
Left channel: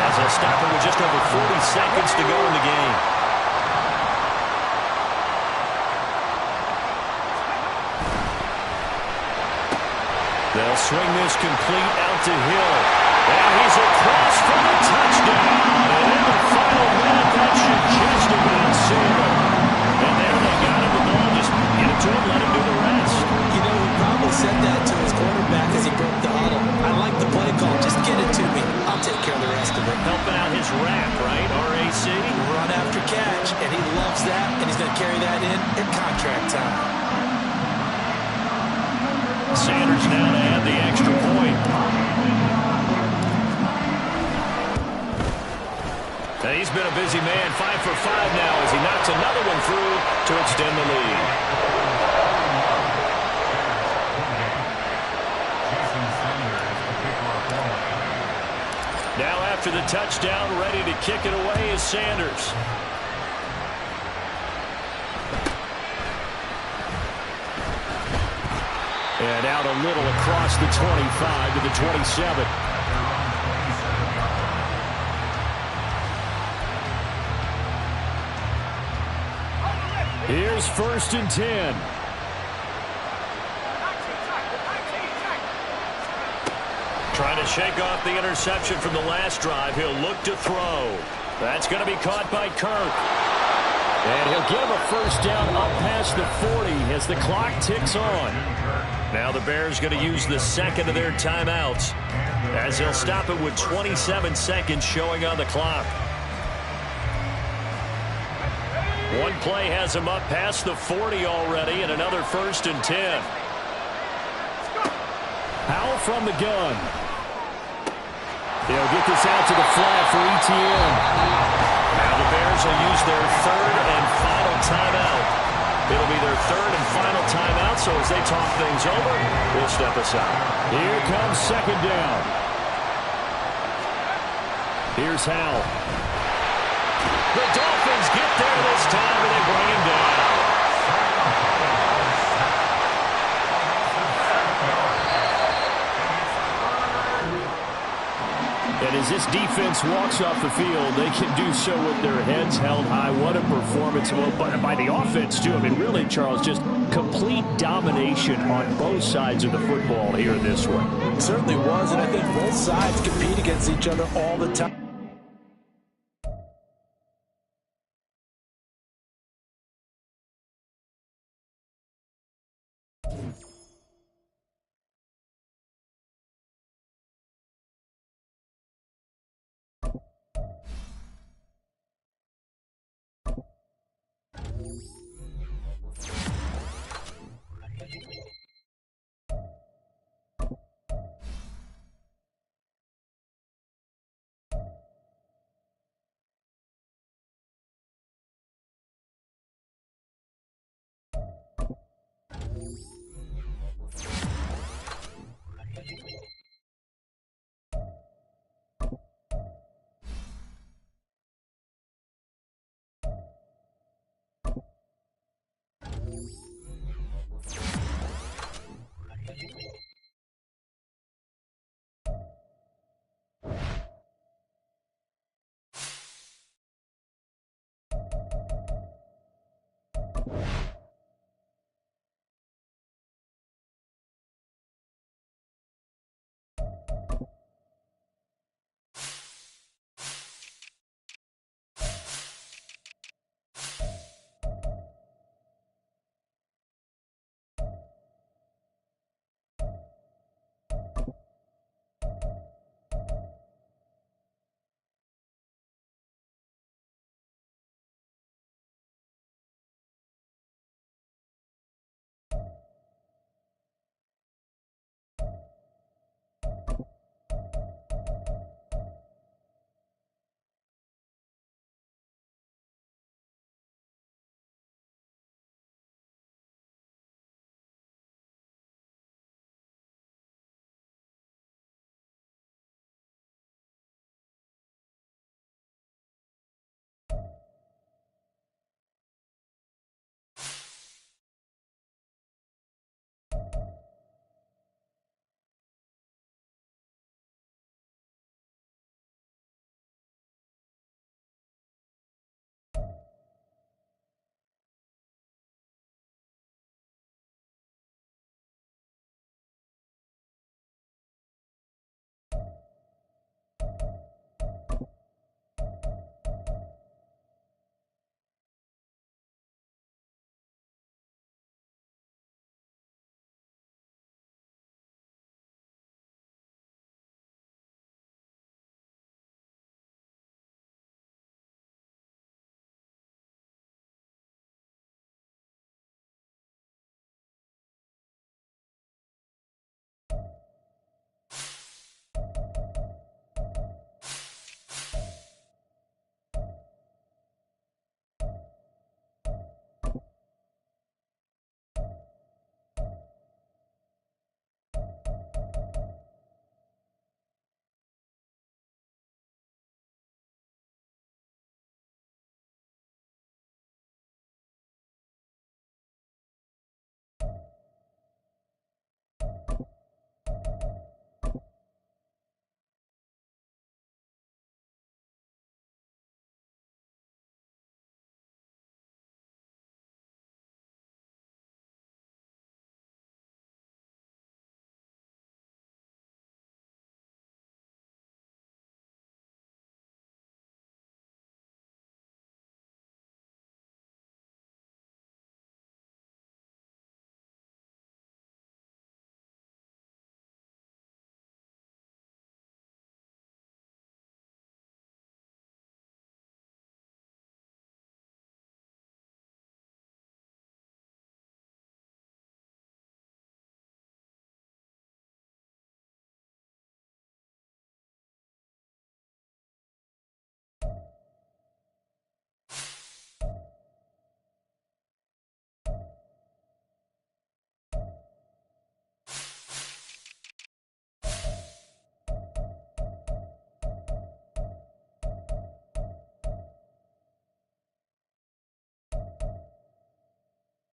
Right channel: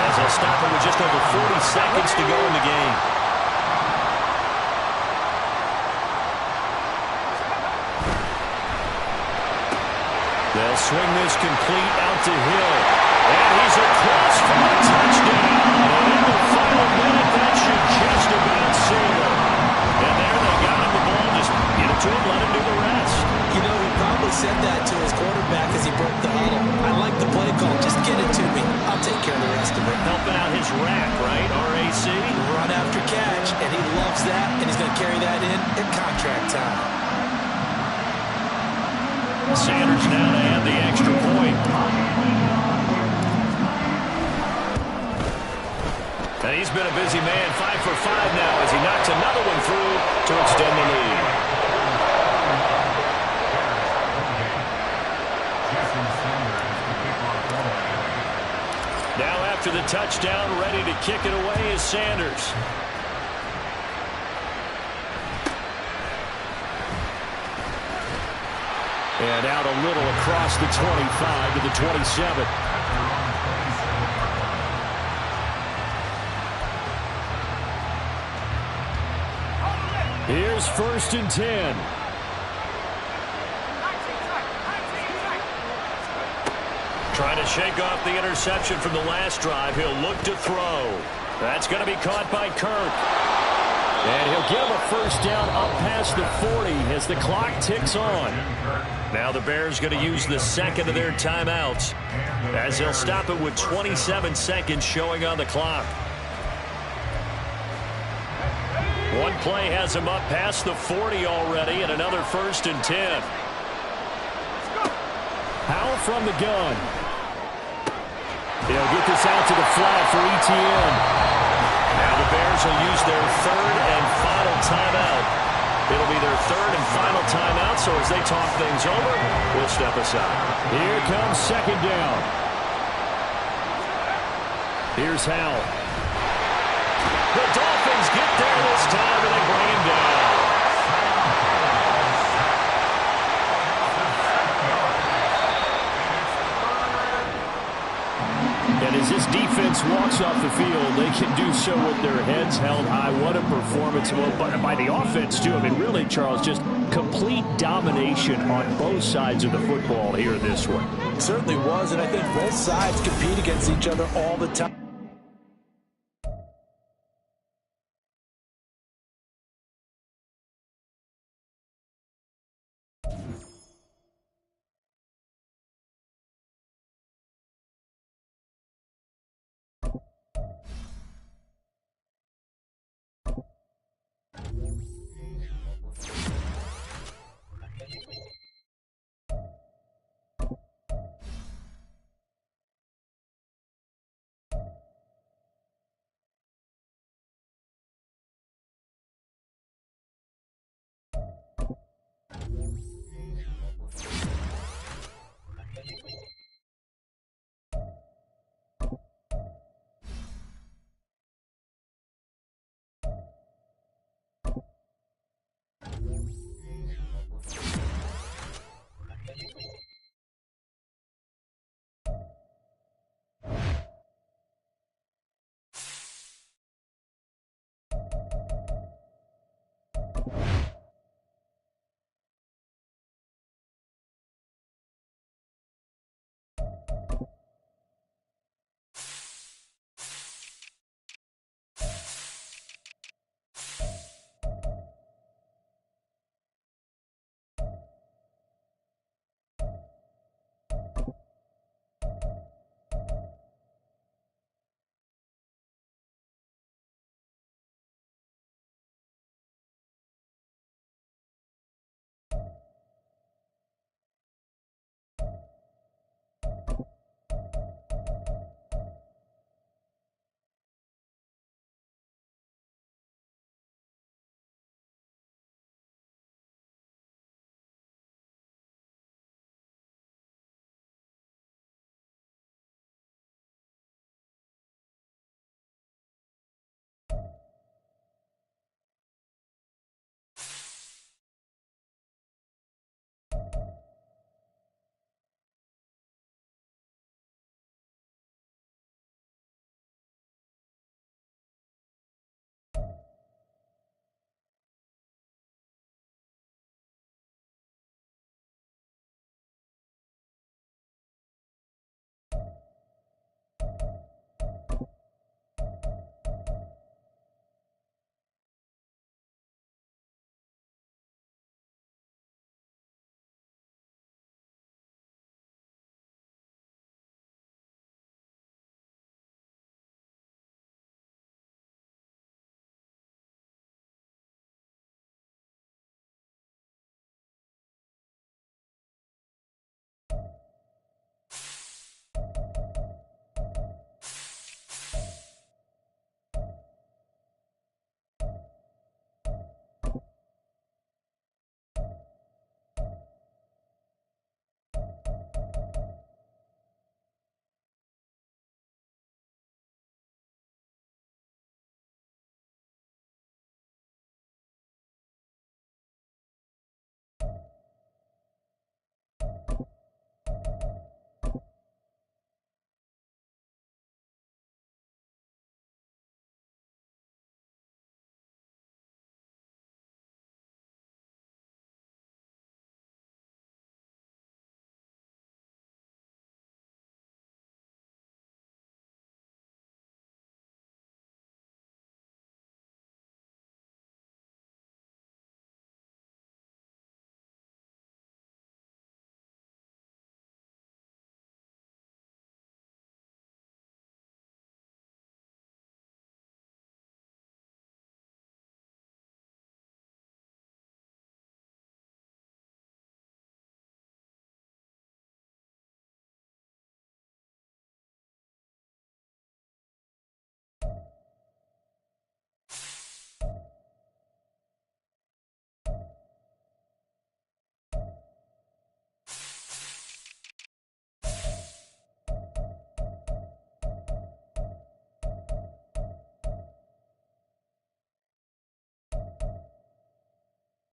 as they'll stop it with just over 40 seconds to go in the game. They'll swing this complete out to Hill. And he's across for the touchdown. And in the final minute, that should just about seal it. And there they got him the ball. Just get it to him, let him do the rest. You know, he probably said that to his quarterback as he broke the huddle. I like the play call. Just get it to me. I'll take care of the rest of it. Helping out his rap, right? RAC? Run after catch, and he loves that, and he's going to carry that in at contract time. Sanders now to add the extra point. And he's been a busy man, 5 for 5 now as he knocks another one through to extend the lead. Now after the touchdown, ready to kick it away is Sanders. And out a little across the 25 to the 27. Here's 1st and 10. Trying to shake off the interception from the last drive. He'll look to throw. That's going to be caught by Kirk. And he'll get him a first down up past the 40 as the clock ticks on. Now the Bears going to use the second of their timeouts as they'll stop it with 27 seconds showing on the clock. One play has him up past the 40 already, and another 1st and 10. Howell from the gun. They'll get this out to the flat for Etienne. Now the Bears will use their 3rd and final timeout. It'll be their 3rd and final timeout, so as they talk things over, we'll step aside. Here comes 2nd down. Here's Howell. The Dolphins get there this time, and they bring him down. And as this defense walks off the field, they can do so with their heads held high. What a performance. Well, by the offense, too. I mean, really, Charles, just complete domination on both sides of the football here in this one. It certainly was, and I think both sides compete against each other all the time.